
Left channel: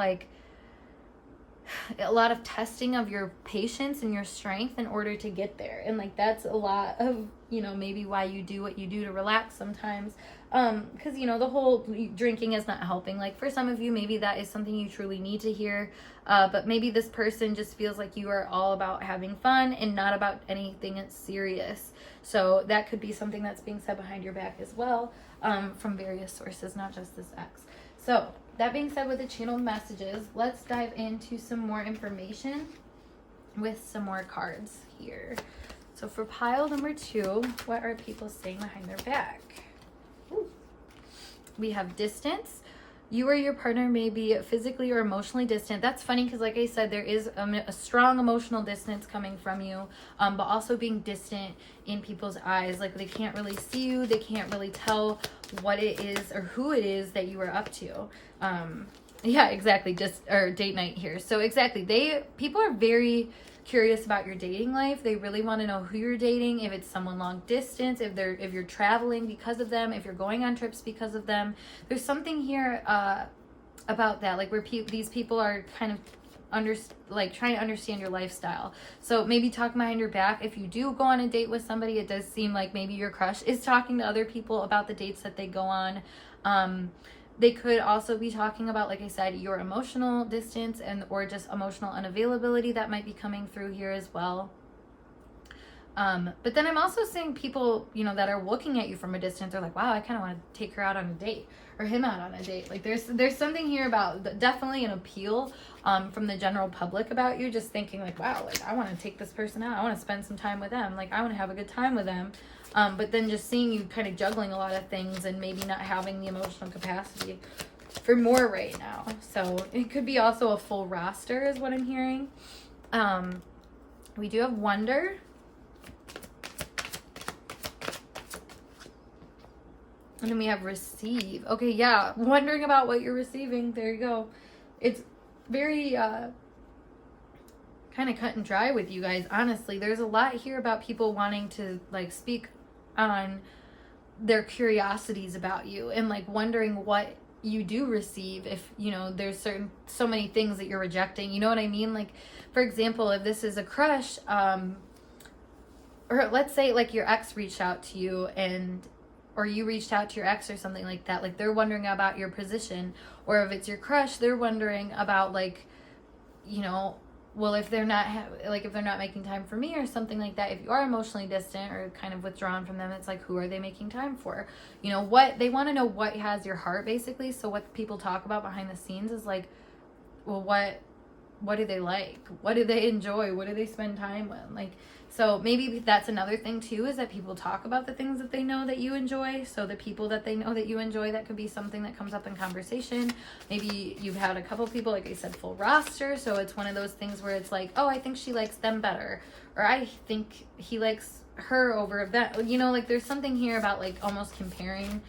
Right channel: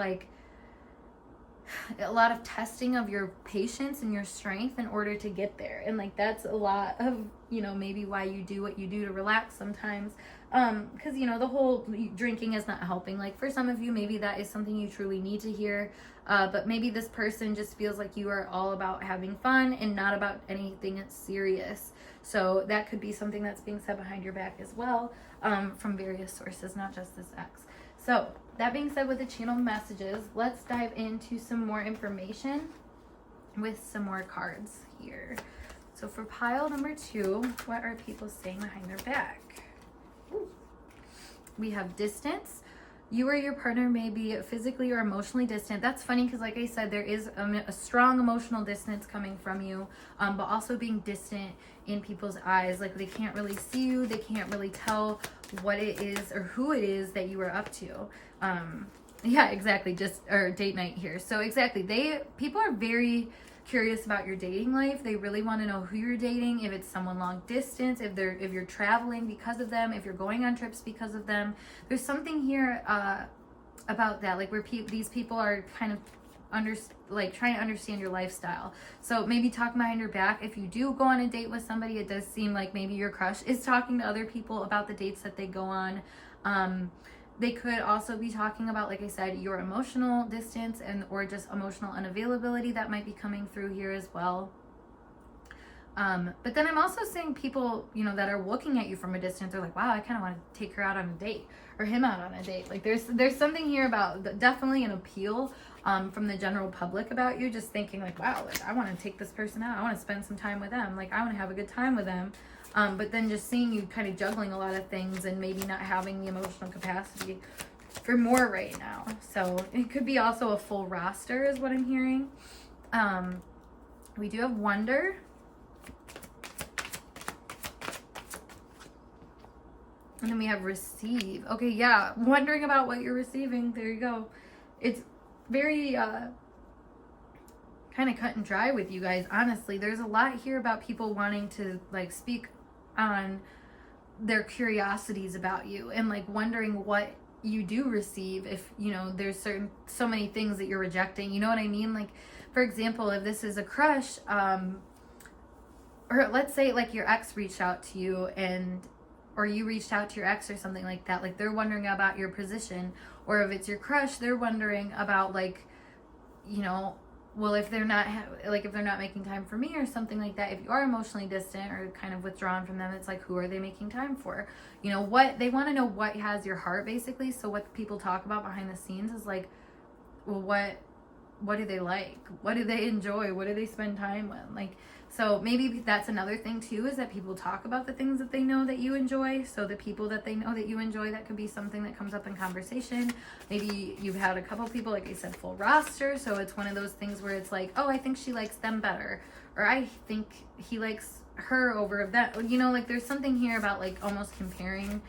testing of your patience and your strength in order to get there. And like that's a lot of, you know, maybe why you do what you do to relax sometimes, because you know, the whole drinking is not helping. Like for some of you, maybe that is something you truly need to hear, but maybe this person just feels like you are all about having fun and not about anything that's serious. So that could be something that's being said behind your back as well, from various sources, not just this X. So that being said, with the channeled messages, let's dive into some more information with some more cards here. So for pile number 2, what are people saying behind their back? Ooh. We have distance. You or your partner may be physically or emotionally distant. That's funny because like I said, there is a strong emotional distance coming from you, but also being distant in people's eyes. Like they can't really see you. They can't really tell what it is or who it is that you are up to. Yeah, exactly. Or date night here. So exactly, people are very curious about your dating life. They really want to know who you're dating, if it's someone long distance, if you're traveling because of them, if you're going on trips because of them. There's something here about that, like where these people are kind of trying to understand your lifestyle. So maybe talking behind your back. If you do go on a date with somebody, it does seem like maybe your crush is talking to other people about the dates that they go on. They could also be talking about, like I said, your emotional distance or just emotional unavailability that might be coming through here as well. But then I'm also seeing people, that are looking at you from a distance are like, wow, I kind of want to take her out on a date or him out on a date. Like there's something here about definitely an appeal from the general public about you, just thinking like, wow, like I want to take this person out. I want to spend some time with them. Like I want to have a good time with them. But then just seeing you kind of juggling a lot of things and maybe not having the emotional capacity for more right now. So it could be also a full roster is what I'm hearing. We do have wonder. And then we have receive. Okay, yeah, wondering about what you're receiving. There you go. It's very kind of cut and dry with you guys, honestly. There's a lot here about people wanting to like speak on their curiosities about you and like wondering what you do receive if there's so many things that you're rejecting, you know what I mean? Like for example, if this is a crush, or let's say like your ex reached out to you or you reached out to your ex or something like that, like they're wondering about your position. Or if it's your crush, they're wondering about like, well, if they're not if they're not making time for me or something like that. If you are emotionally distant or kind of withdrawn from them, it's like, who are they making time for? What they want to know, what has your heart basically. So what people talk about behind the scenes is like, well, what do they like? What do they enjoy? What do they spend time with? Like, so maybe that's another thing too, is that people talk about the things that they know that you enjoy. So the people that they know that you enjoy, that could be something that comes up in conversation. Maybe you've had a couple people, like I said, full roster. So it's one of those things where it's like, oh, I think she likes them better. Or I think he likes her over that. Like there's something here about like almost comparing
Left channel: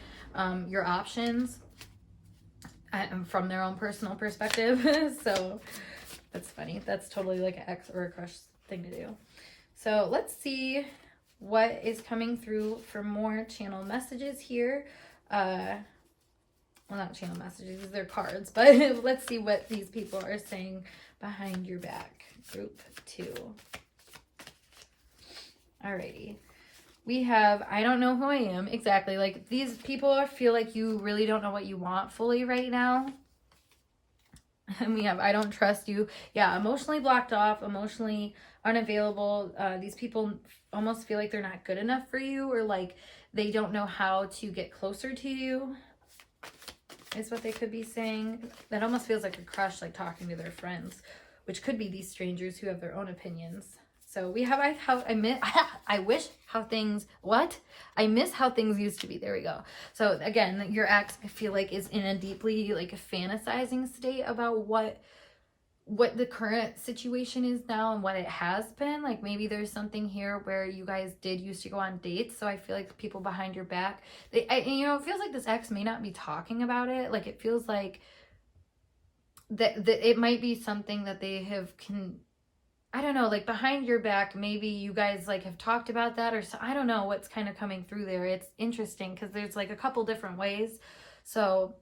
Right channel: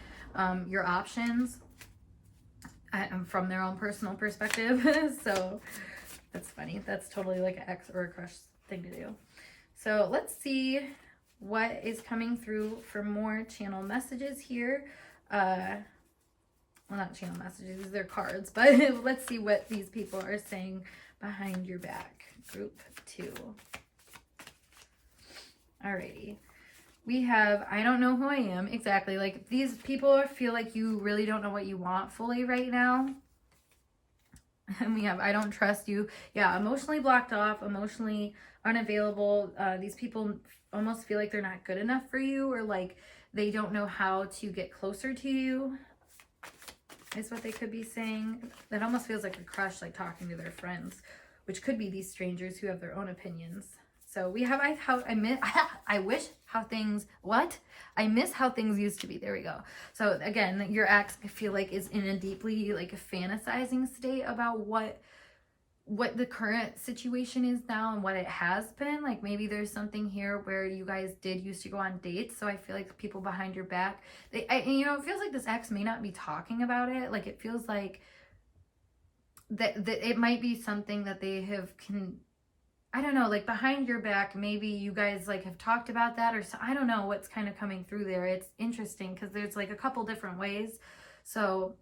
your options from their own personal perspective. So that's funny. That's totally like an ex or a crush thing to do. So let's see what is coming through for more channel messages here. Well, not channel messages, they're cards, but let's see what these people are saying behind your back. Group 2. Alrighty. We have, I don't know who I am. Exactly. Like these people feel like you really don't know what you want fully right now. And we have, I don't trust you. Yeah, emotionally blocked off, emotionally unavailable. These people almost feel like they're not good enough for you, or like they don't know how to get closer to you, is what they could be saying. That almost feels like a crush, like talking to their friends, which could be these strangers who have their own opinions. So we have, I miss how things used to be. There we go. So again, your ex, I feel like, is in a deeply like a fantasizing state about what the current situation is now and what it has been. Like maybe there's something here where you guys did used to go on dates. So I feel like people behind your back, it feels like this ex may not be talking about it. Like it feels like that it might be something that they have I don't know, like behind your back, maybe you guys like have talked about that, or so, I don't know what's kind of coming through there. It's interesting because there's like a couple different ways. So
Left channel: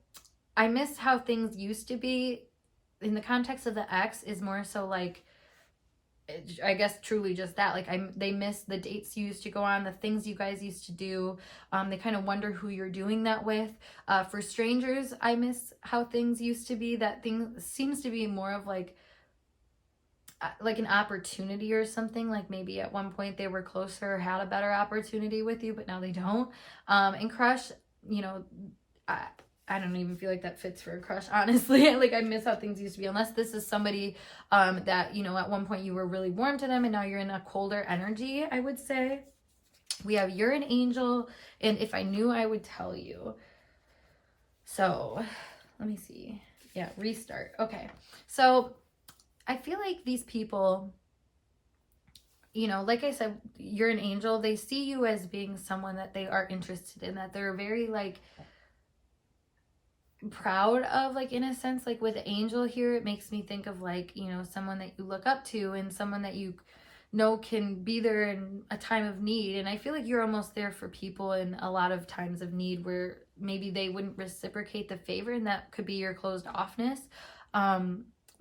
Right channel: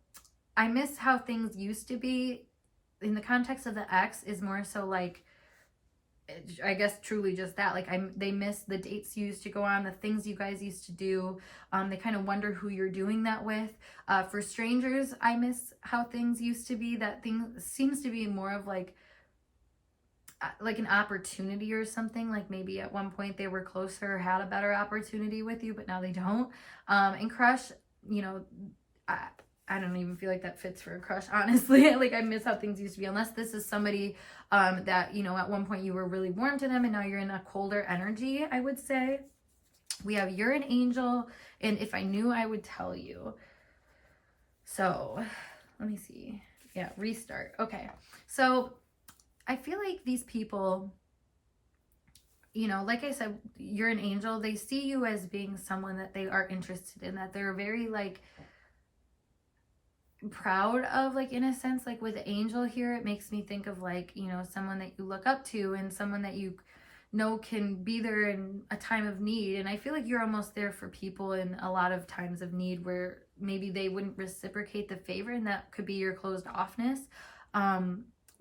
I miss how things used to be in the context of the ex is more so like, I guess truly just that, like they miss the dates you used to go on, the things you guys used to do. They kind of wonder who you're doing that with. For strangers, I miss how things used to be. That thing seems to be more of like an opportunity or something. Like maybe at one point they were closer, had a better opportunity with you, but now they don't. And crush, I don't even feel like that fits for a crush, honestly. Like I miss how things used to be, unless this is somebody that, at one point you were really warm to them and now you're in a colder energy, I would say. We have you're an angel, and if I knew, I would tell you. So let me see. Yeah, restart. Okay. So I feel like these people, like I said, you're an angel. They see you as being someone that they are interested in, that they're very like, proud of, like, in a sense, like with Angel here, it makes me think of like, you know, someone that you look up to and someone that you know can be there in a time of need. And I feel like you're almost there for people in a lot of times of need where maybe they wouldn't reciprocate the favor, and that could be your closed offness.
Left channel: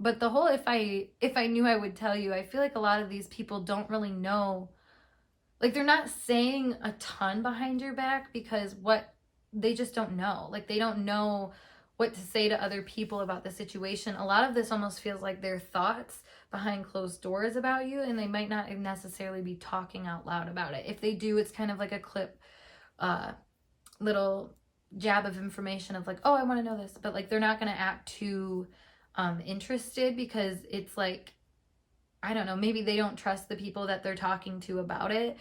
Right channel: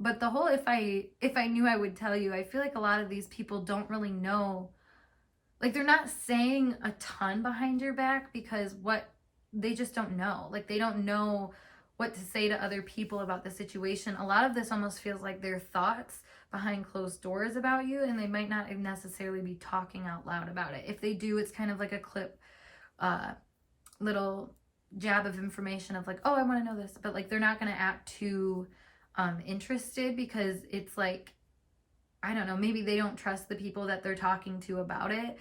But the whole if I knew I would tell you, I feel like a lot of these people don't really know, like they're not saying a ton behind your back because what they just don't know. Like they don't know what to say to other people about the situation. A lot of this almost feels like their thoughts behind closed doors about you, and they might not necessarily be talking out loud about it. If they do, it's kind of like a clip, little jab of information of like, oh, I want to know this, but like they're not going to act too interested because it's like, I don't know, maybe they don't trust the people that they're talking to about it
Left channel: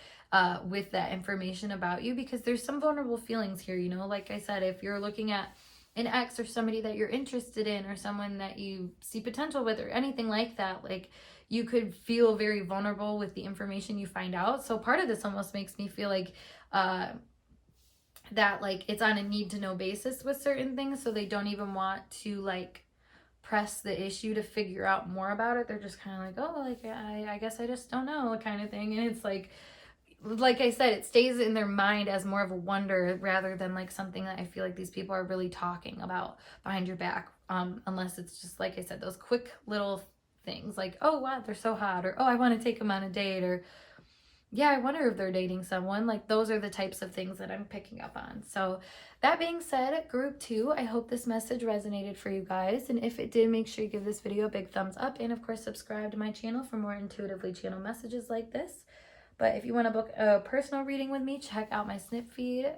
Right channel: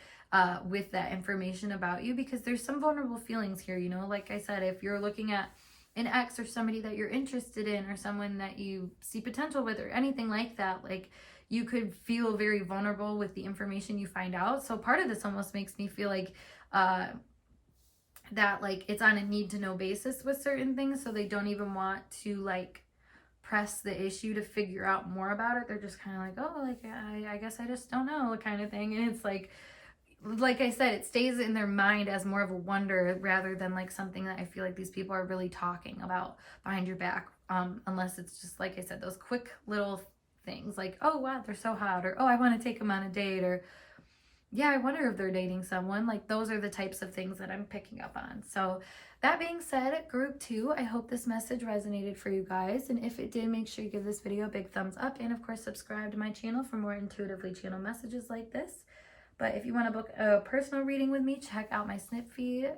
with that information about you, because there's some vulnerable feelings here, you know. Like I said, if you're looking at an ex or somebody that you're interested in or someone that you see potential with or anything like that, like you could feel very vulnerable with the information you find out. So part of this almost makes me feel like that like it's on a need to know basis with certain things, so they don't even want to like press the issue to figure out more about it. They're just kind of like, oh, like I guess I just don't know kind of thing. And it's like I said, it stays in their mind as more of a wonder rather than like something that I feel like these people are really talking about behind your back, unless it's just, like I said, those quick little things like, oh wow, they're so hot, or oh, I want to take them on a date, or yeah, I wonder if they're dating someone. Like those are the types of things that I'm picking up on. So that being said, group 2, I hope this message resonated for you guys. And if it did, make sure you give this video a big thumbs up. And of course, subscribe to my channel for more intuitively channeled messages like this. But if you want to book a personal reading with me, check out my snip feed,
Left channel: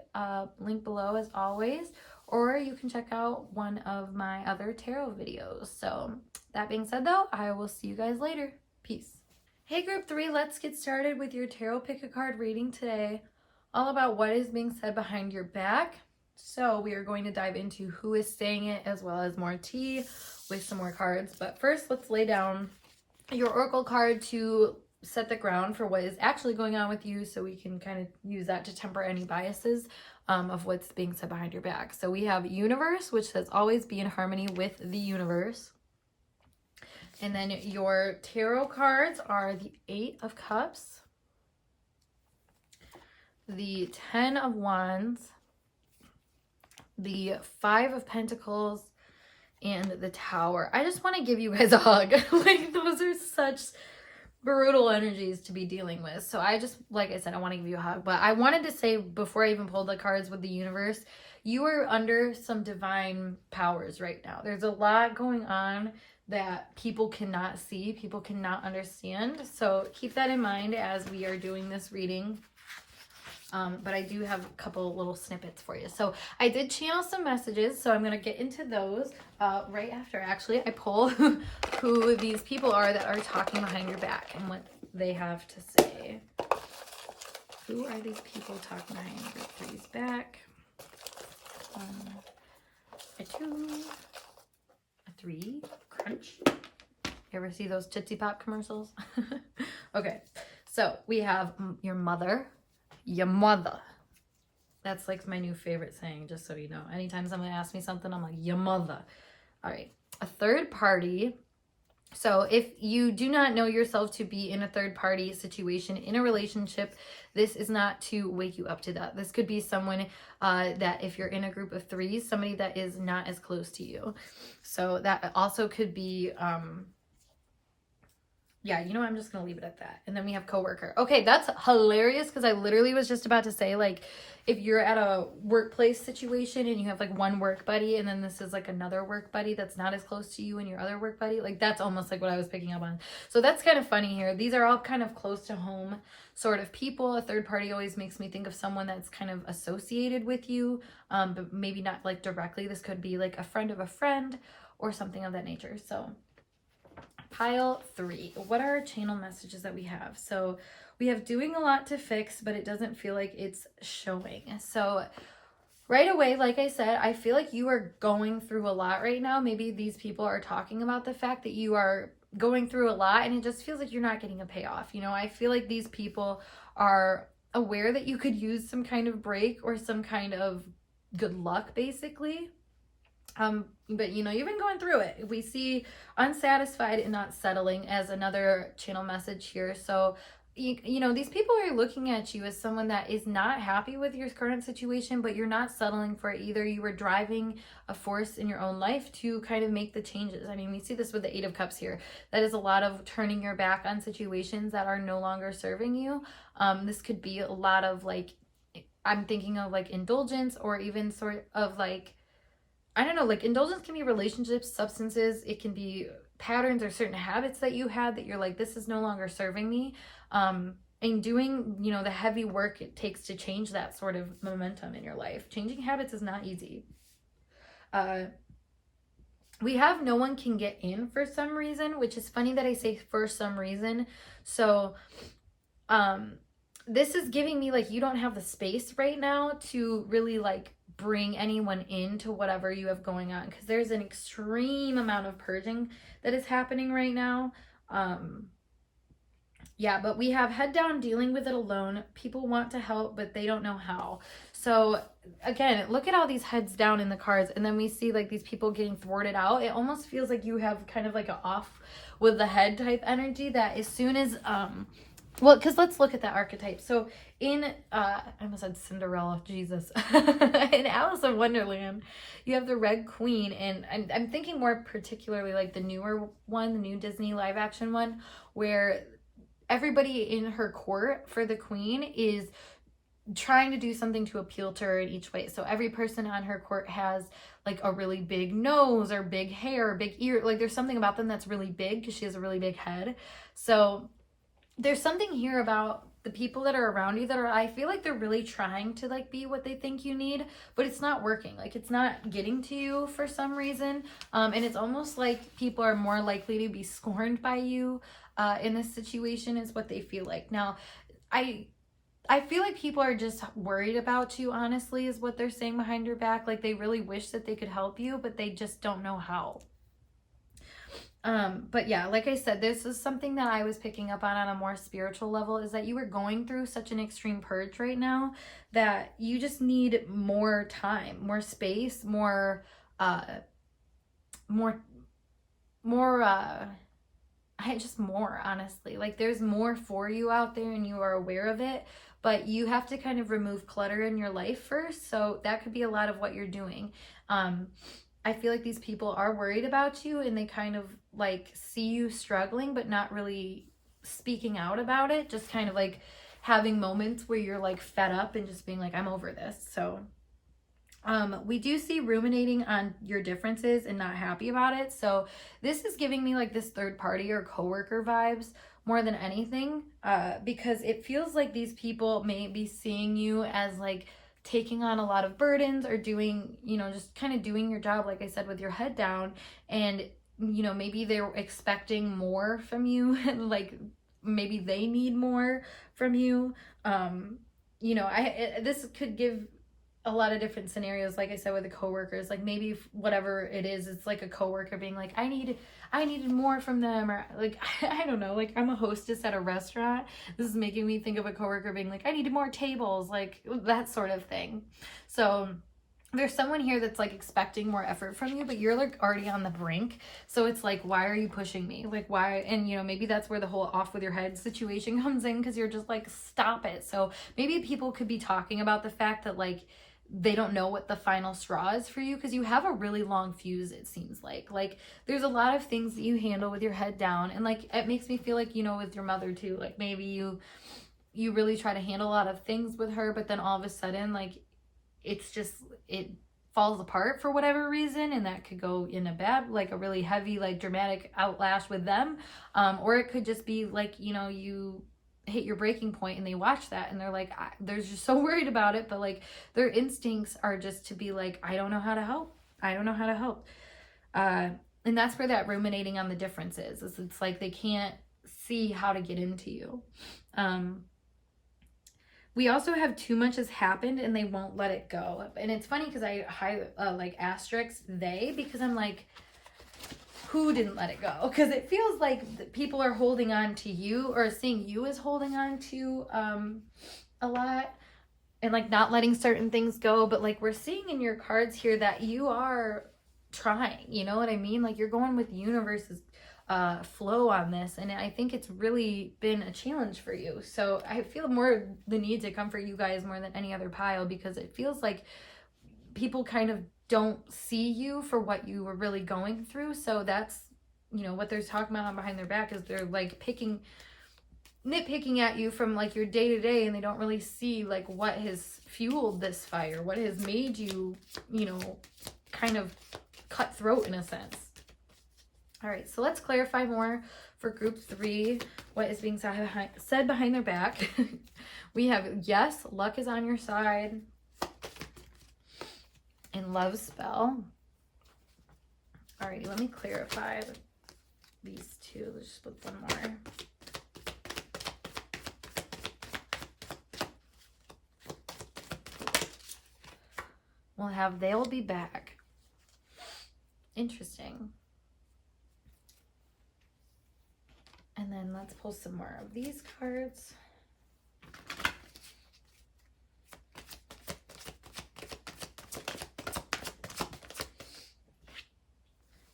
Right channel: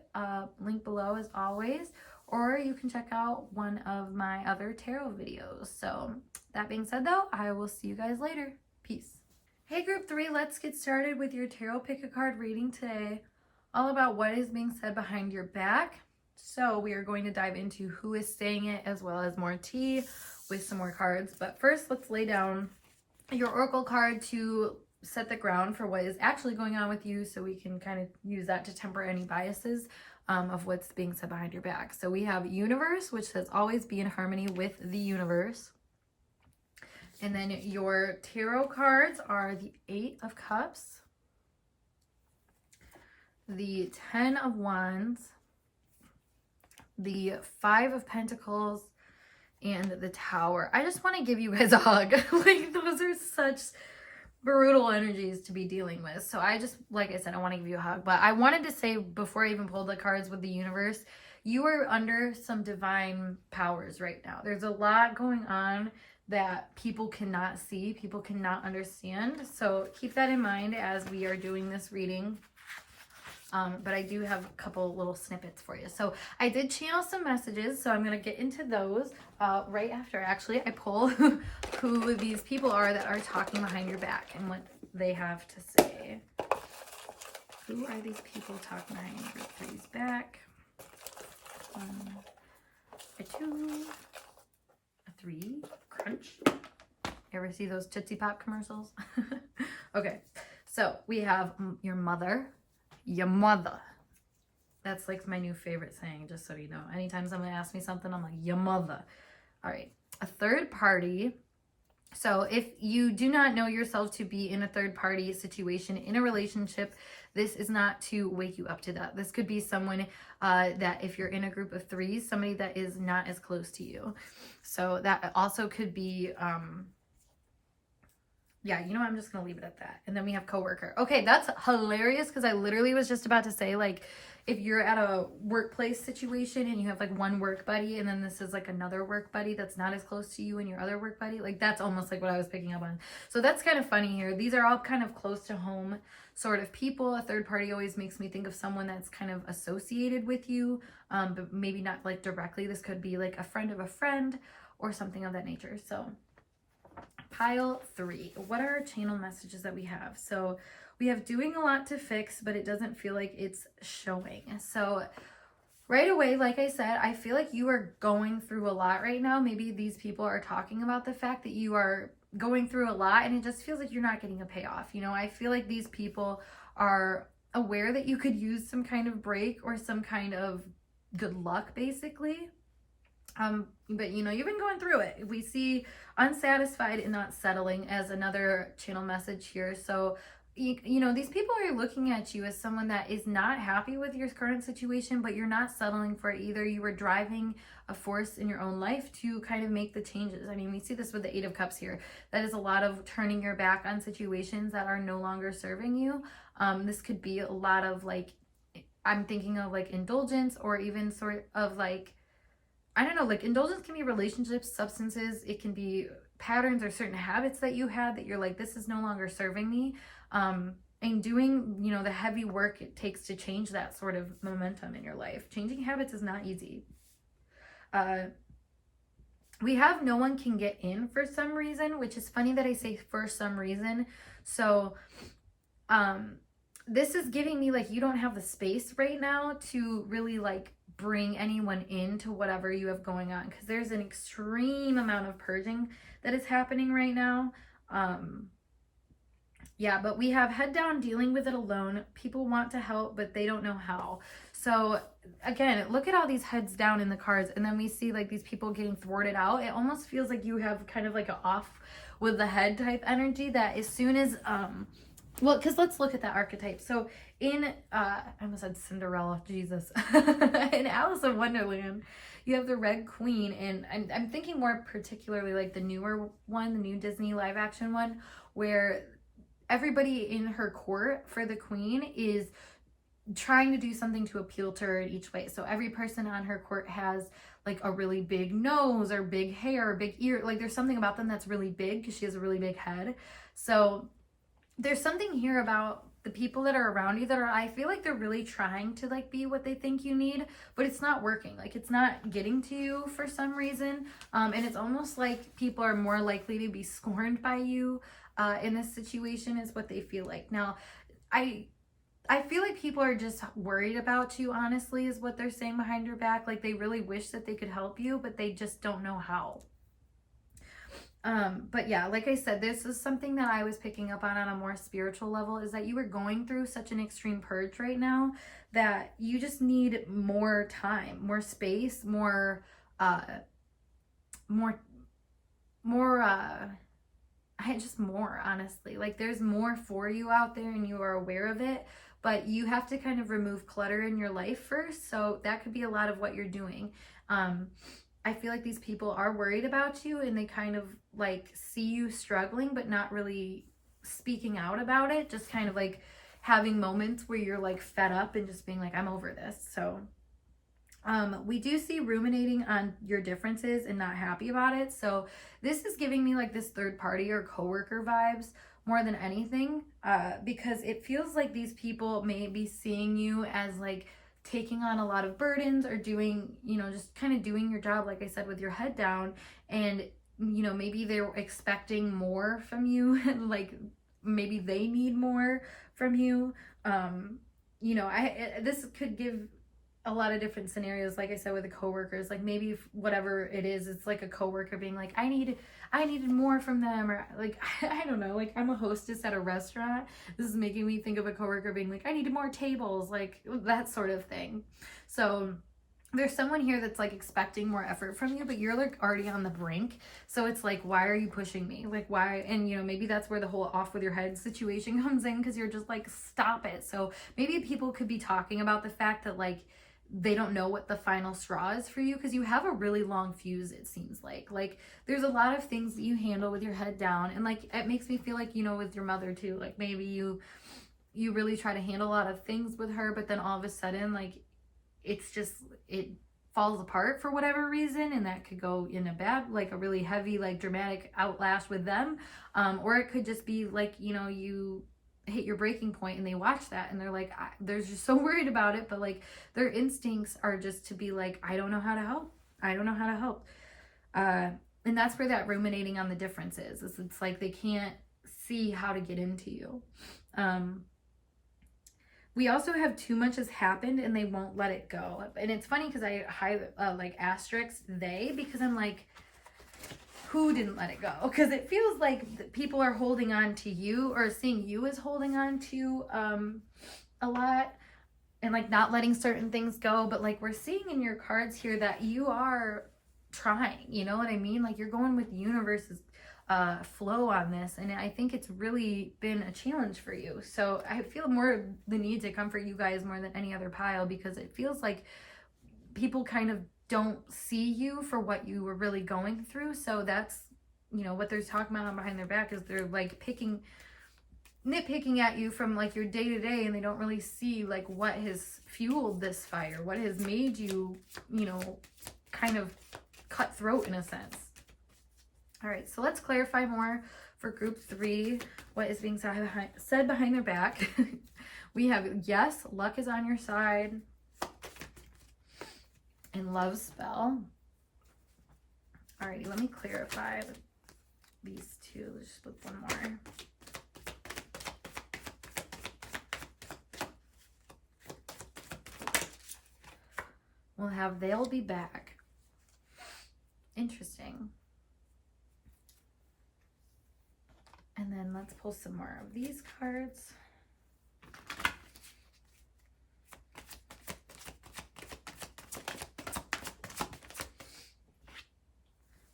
link below as always. Or you can check out one of my other tarot videos. So that being said though, I will see you guys later. Peace. Hey group 3, let's get started with your tarot pick a card reading today, all about what is being said behind your back. So we are going to dive into who is saying it, as well as more tea with some more cards. But first, let's lay down your oracle card to set the ground for what is actually going on with you, so we can kind of use that to temper any biases of what's being said behind your back. So we have Universe, which says always be in harmony with the universe. And then your tarot cards are the 8 of Cups, the 10 of Wands, the 5 of Pentacles, and the Tower. I just want to give you guys a hug. Like, those are such brutal energies to be dealing with. So I just, like I said, I want to give you a hug. But I wanted to say, before I even pulled the cards with the universe, you are under some divine powers right now. There's a lot going on that people cannot see, people cannot understand. So keep that in mind as we are doing this reading. But I do have a couple little snippets for you. So I did channel some messages, so I'm going to get into those right after, actually, I pull who these people are that are talking behind your back and what they have to say. Who are these people talking behind your three's back? A 2, a 3, crunch. You ever see those Tootsie Pop commercials? Okay, so we have your mother. Your mother. That's like my new favorite saying, just so you know. Anytime someone asks me something, I'm like, your mother. All right. A third party. So if you do not know yourself to be in a third party situation in a relationship, this is not to wake you up to that. This could be someone that, if you're in a group of 3, somebody that is not as close to you. So that also could be yeah, you know, I'm just going to leave it at that. And then we have coworker. Okay, that's hilarious, because I literally was just about to say, like, if you're at a workplace situation and you have like one work buddy, and then this is like another work buddy that's not as close to you and your other work buddy, like that's almost like what I was picking up on. So that's kind of funny here. These are all kind of close to home sort of people. A third party always makes me think of someone that's kind of associated with you, but maybe not like directly. This could be like a friend of a friend or something of that nature. So pile 3, what are our channel messages that we have? So we have doing a lot to fix, but it doesn't feel like it's showing. So right away, like I said, I feel like you are going through a lot right now. Maybe these people are talking about the fact that you are going through a lot, and it just feels like you're not getting a payoff. You know, I feel like these people are aware that you could use some kind of break or some kind of good luck, basically. But you know, you've been going through it. We see unsatisfied and not settling as another channel message here. So you know, these people are looking at you as someone that is not happy with your current situation, but you're not settling for it either. You are driving a force in your own life to kind of make the changes. I mean, we see this with the 8 of Cups here. That is a lot of turning your back on situations that are no longer serving you. This could be a lot of like, I'm thinking of like indulgence, or even sort of like, I don't know, like indulgence can be relationships, substances, it can be patterns or certain habits that you had that you're like, this is no longer serving me. And doing, you know, the heavy work it takes to change that sort of momentum in your life. Changing habits is not easy. We have no one can get in for some reason, which is funny that I say for some reason. So, this is giving me like, you don't have the space right now to really like bring anyone into whatever you have going on, because there's an extreme amount of purging that is happening right now. Yeah, but we have head down, dealing with it alone. People want to help, but they don't know how. So again, look at all these heads down in the cards, and then we see like these people getting thwarted out. It almost feels like you have kind of like a off with the head type energy, that as soon as well, because let's look at that archetype. So in I almost said Cinderella, Jesus. In Alice in Wonderland, you have the Red Queen, and I'm thinking more particularly like the newer one, the new Disney live action one, where everybody in her court for the queen is trying to do something to appeal to her in each way. So every person on her court has like a really big nose or big hair or big ear. Like there's something about them that's really big because she has a really big head. So there's something here about the people that are around you that are, I feel like they're really trying to like be what they think you need, but it's not working. Like it's not getting to you for some reason. And it's almost like people are more likely to be scorned by you in this situation, is what they feel like. Now, I feel like people are just worried about you, honestly, is what they're saying behind your back. Like they really wish that they could help you, but they just don't know how. But yeah, like I said, this is something that I was picking up on a more spiritual level, is that you are going through such an extreme purge right now that you just need more time, more space, just more, honestly. Like there's more for you out there and you are aware of it, but you have to kind of remove clutter in your life first. So that could be a lot of what you're doing. I feel like these people are worried about you, and they kind of like see you struggling, but not really speaking out about it. Just kind of like having moments where you're like fed up and just being like, I'm over this. So we do see ruminating on your differences and not happy about it. So this is giving me like this third party or coworker vibes more than anything, because it feels like these people may be seeing you as like taking on a lot of burdens, or doing, you know, just kind of doing your job, like I said, with your head down. And, you know, maybe they're expecting more from you, and like maybe they need more from you. You know, this could give a lot of different scenarios, like I said, with the coworkers. Like maybe whatever it is, it's like a coworker being like, I needed more from them, or like I don't know, like I'm a hostess at a restaurant. This is making me think of a coworker being like, I needed more tables, like that sort of thing. So there's someone here that's like expecting more effort from you, but you're like already on the brink. So it's like, why are you pushing me? Like why? And you know, maybe that's where the whole off with your head situation comes in, because you're just like, stop it. So maybe people could be talking about the fact that like they don't know what the final straw is for you, because you have a really long fuse, it seems like there's a lot of things that you handle with your head down. And like it makes me feel like, you know, with your mother too, like maybe you really try to handle a lot of things with her, but then all of a sudden like it's just, it falls apart for whatever reason, and that could go in a bad, like a really heavy, like dramatic outlash with them, or it could just be like, you know, you hit your breaking point and they watch that and they're like, they're just so worried about it, but like their instincts are just to be like, I don't know how to help. And that's where that ruminating on the difference is. It's like they can't see how to get into you. We also have too much has happened and they won't let it go. And it's funny because I like asterisk they, because I'm like, who didn't let it go? Because it feels like people are holding on to you, or seeing you as holding on to a lot, and like not letting certain things go. But like we're seeing in your cards here that you are trying, you know what I mean? Like, you're going with the universe's flow on this, and I think it's really been a challenge for you. So I feel more the need to comfort you guys more than any other pile, because it feels like people kind of don't see you for what you were really going through. So that's, you know, what they're talking about behind their back is they're like nitpicking at you from like your day to day, and they don't really see like what has fueled this fire, what has made you, you know, kind of cutthroat in a sense. All right, so let's clarify more for group 3, what is being said behind their back. We have, yes, luck is on your side, and love spell. All right, let me clarify these two. Let's just flip one more. We'll have they'll be back. Interesting. And then let's pull some more of these cards.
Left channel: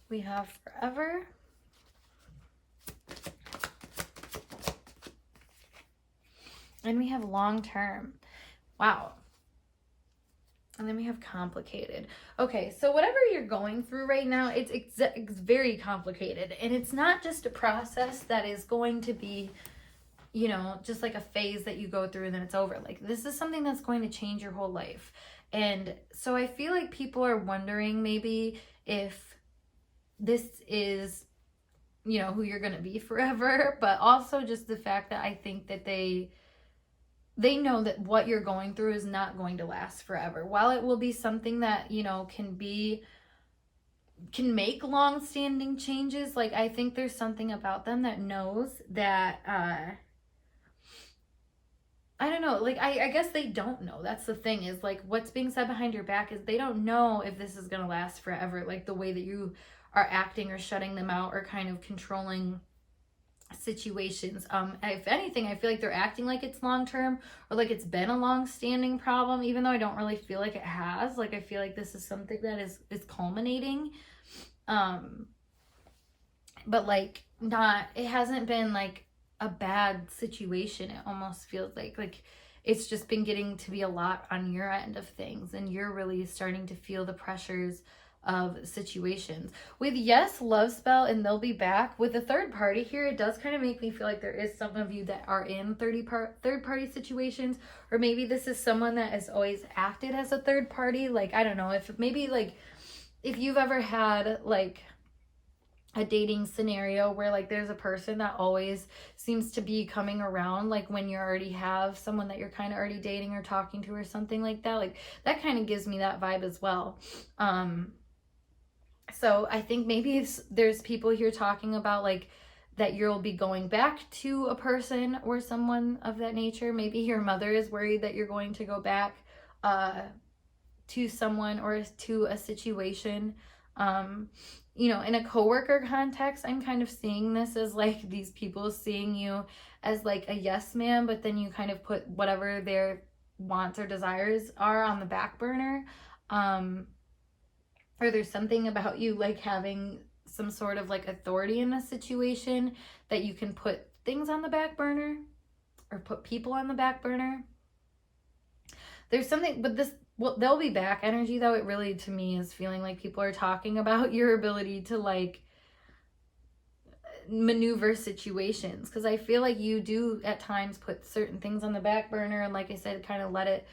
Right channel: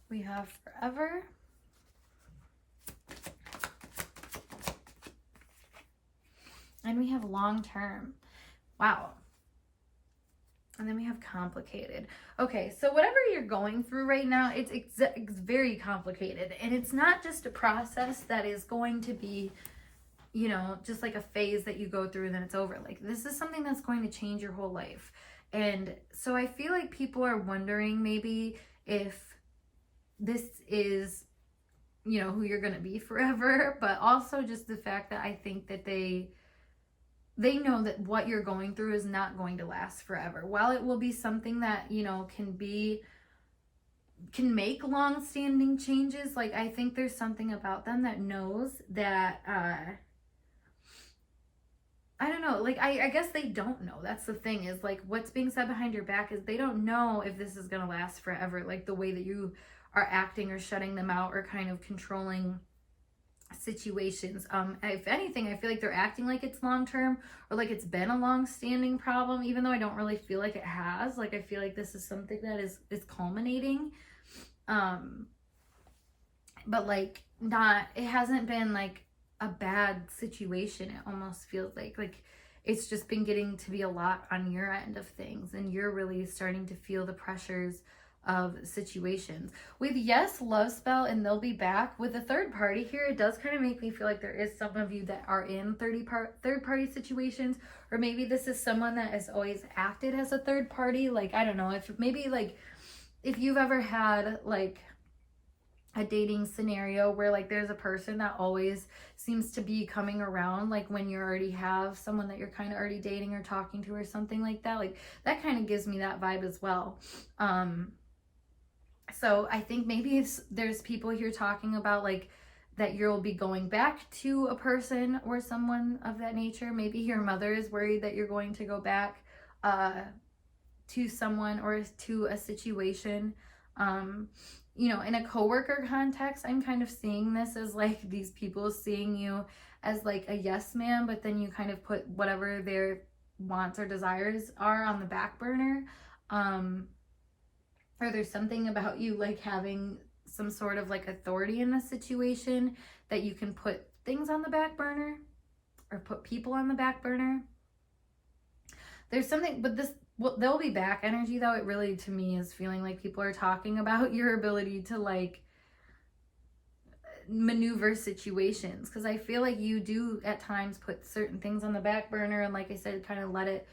We have forever. And we have long term. Wow. And then we have complicated. Okay, so whatever you're going through right now, it's very complicated. And it's not just a process that is going to be, you know, just like a phase that you go through and then it's over. Like, this is something that's going to change your whole life. And so I feel like people are wondering maybe if this is, you know, who you're going to be forever. But also just the fact that I think that they know that what you're going through is not going to last forever. While it will be something that, you know, can make long-standing changes, like, I think there's something about them that knows that, I don't know, like, I guess they don't know. That's the thing, is, like, what's being said behind your back is they don't know if this is going to last forever, like, the way that you are acting or shutting them out or kind of controlling situations. If anything, I feel like they're acting like it's long-term, or like it's been a long-standing problem, even though I don't really feel like it has. Like, I feel like this is something that is culminating, but like, not, it hasn't been like a bad situation. It almost feels like it's just been getting to be a lot on your end of things, and you're really starting to feel the pressures of situations. With yes, love spell, and they'll be back. With the third party here, it does kind of make me feel like there is some of you that are in third party situations, or maybe this is someone that has always acted as a third party. Like, I don't know, if maybe like if you've ever had like a dating scenario where like there's a person that always seems to be coming around, like when you already have someone that you're kind of already dating or talking to or something like that, like that kind of gives me that vibe as well. So I think maybe there's people here talking about like that you'll be going back to a person or someone of that nature. Maybe your mother is worried that you're going to go back to someone or to a situation. You know, in a coworker context, I'm kind of seeing this as like these people seeing you as like a yes man, but then you kind of put whatever their wants or desires are on the back burner. Or there's something about you like having some sort of like authority in a situation that you can put things on the back burner or put people on the back burner. There's something, but this, well, they'll be back energy though. It really, to me, is feeling like people are talking about your ability to like maneuver situations, because I feel like you do at times put certain things on the back burner, and like I said, kind of let it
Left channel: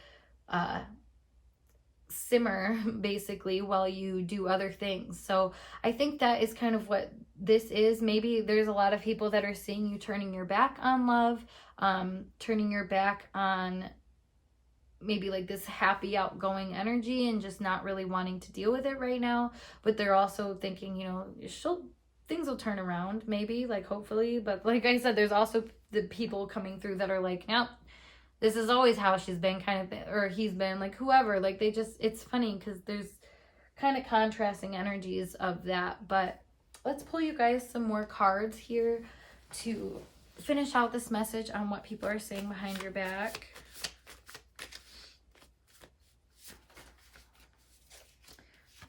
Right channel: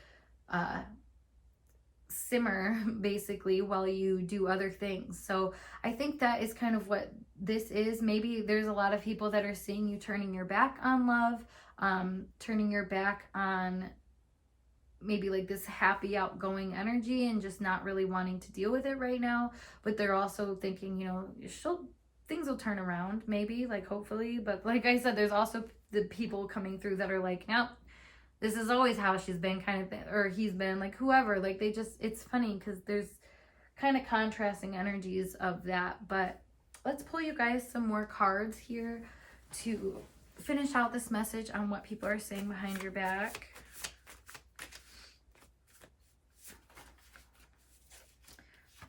simmer basically while you do other things. So I think that is kind of what this is. Maybe there's a lot of people that are seeing you turning your back on love, turning your back on maybe like this happy outgoing energy and just not really wanting to deal with it right now. But they're also thinking, you know, things will turn around, maybe, like, hopefully. But like I said, there's also the people coming through that are like, nope, this is always how she's been, kind of thing, or he's been, like, whoever. Like, they just, it's funny because there's kind of contrasting energies of that. But let's pull you guys some more cards here to finish out this message on what people are saying behind your back.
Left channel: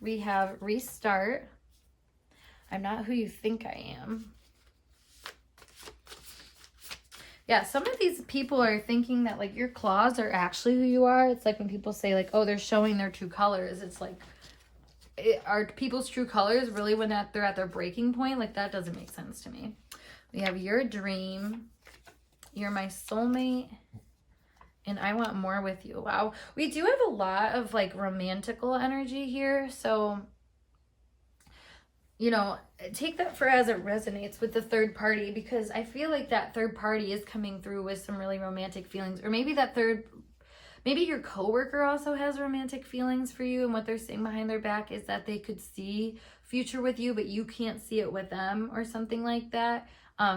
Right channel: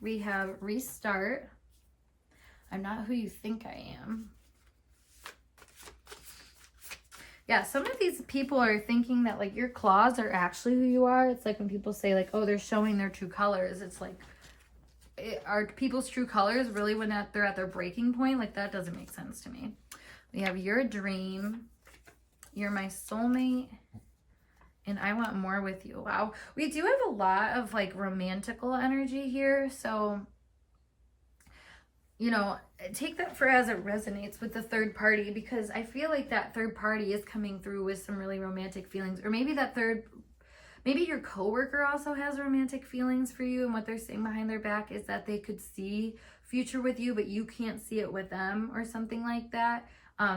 we have restart. I'm not who you think I am. Yeah, some of these people are thinking that like your claws are actually who you are. It's like when people say like, oh, they're showing their true colors. It's like, are people's true colors really when they're at their breaking point? Like that doesn't make sense to me. We have your dream. You're my soulmate. And I want more with you. Wow. We do have a lot of like romantical energy here. So, you know, take that for as it resonates with the third party, because I feel like that third party is coming through with some really romantic feelings. Or maybe maybe your coworker also has romantic feelings for you, and what they're saying behind their back is that they could see future with you, but you can't see it with them or something like that.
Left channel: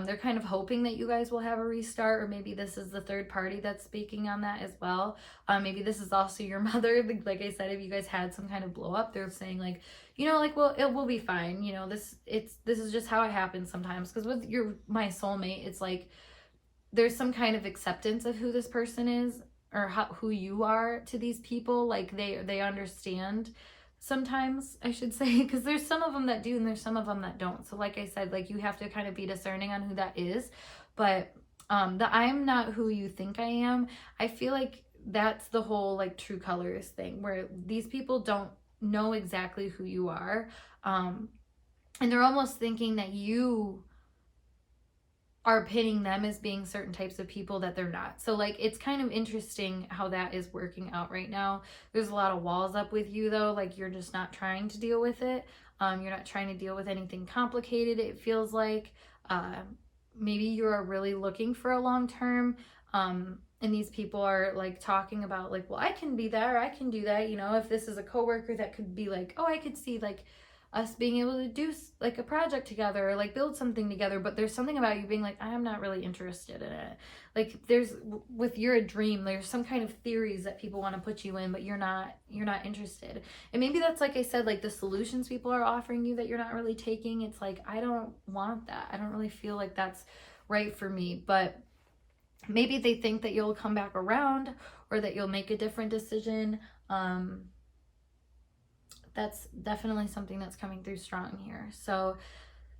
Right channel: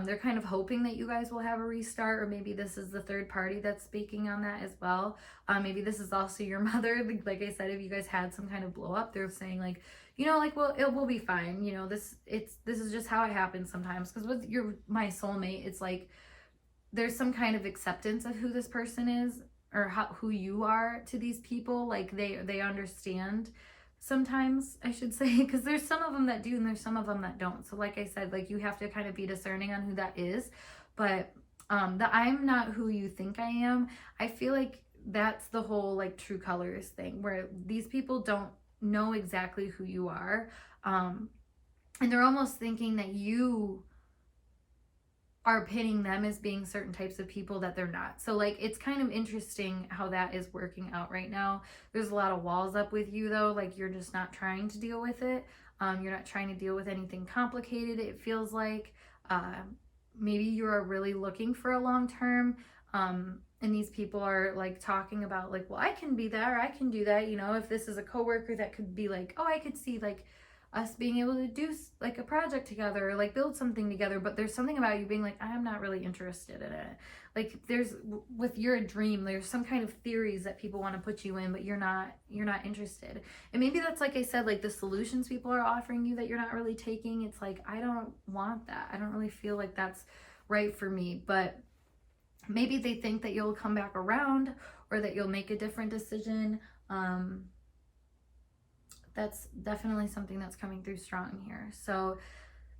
They're kind of hoping that you guys will have a restart, or maybe this is the third party that's speaking on that as well. Maybe this is also your mother. Like I said, if you guys had some kind of blow up, they're saying like, you know, like, well, it will be fine. You know, this is just how it happens sometimes. Because with my soulmate, it's like there's some kind of acceptance of who this person is, or who you are to these people. Like they understand. Sometimes, I should say, because there's some of them that do and there's some of them that don't. So like I said, like you have to kind of be discerning on who that is. But the I'm not who you think I am, I feel like that's the whole like true colors thing, where these people don't know exactly who you are. And they're almost thinking that you are pitting them as being certain types of people that they're not. So like it's kind of interesting how that is working out right now. There's a lot of walls up with you though, like you're just not trying to deal with it. You're not trying to deal with anything complicated, it feels like. Maybe you are really looking for a long term, and these people are like talking about like, well, I can be that, or I can do that. You know, if this is a coworker, that could be like, oh, I could see like us being able to do like a project together, or like build something together. But there's something about you being like, I'm not really interested in it. Like there's, with your dream, there's some kind of theories that people want to put you in, but you're not interested. And maybe that's, like I said, like the solutions people are offering you that you're not really taking. It's like, I don't want that. I don't really feel like that's right for me. But maybe they think that you'll come back around, or that you'll make a different decision. That's definitely something that's coming through strong here. So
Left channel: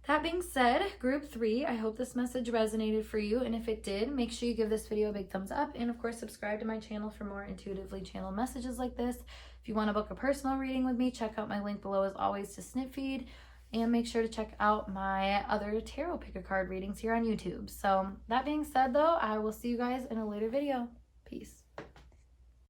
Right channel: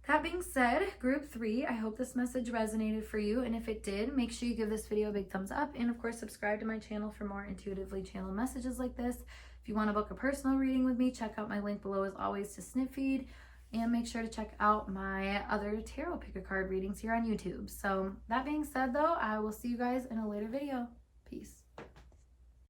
that being said, group 3, I hope this message resonated for you. And if it did, make sure you give this video a big thumbs up. And of course, subscribe to my channel for more intuitively channeled messages like this. If you want to book a personal reading with me, check out my link below as always to snip feed. And make sure to check out my other tarot pick a card readings here on YouTube. So that being said though, I will see you guys in a later video. Peace.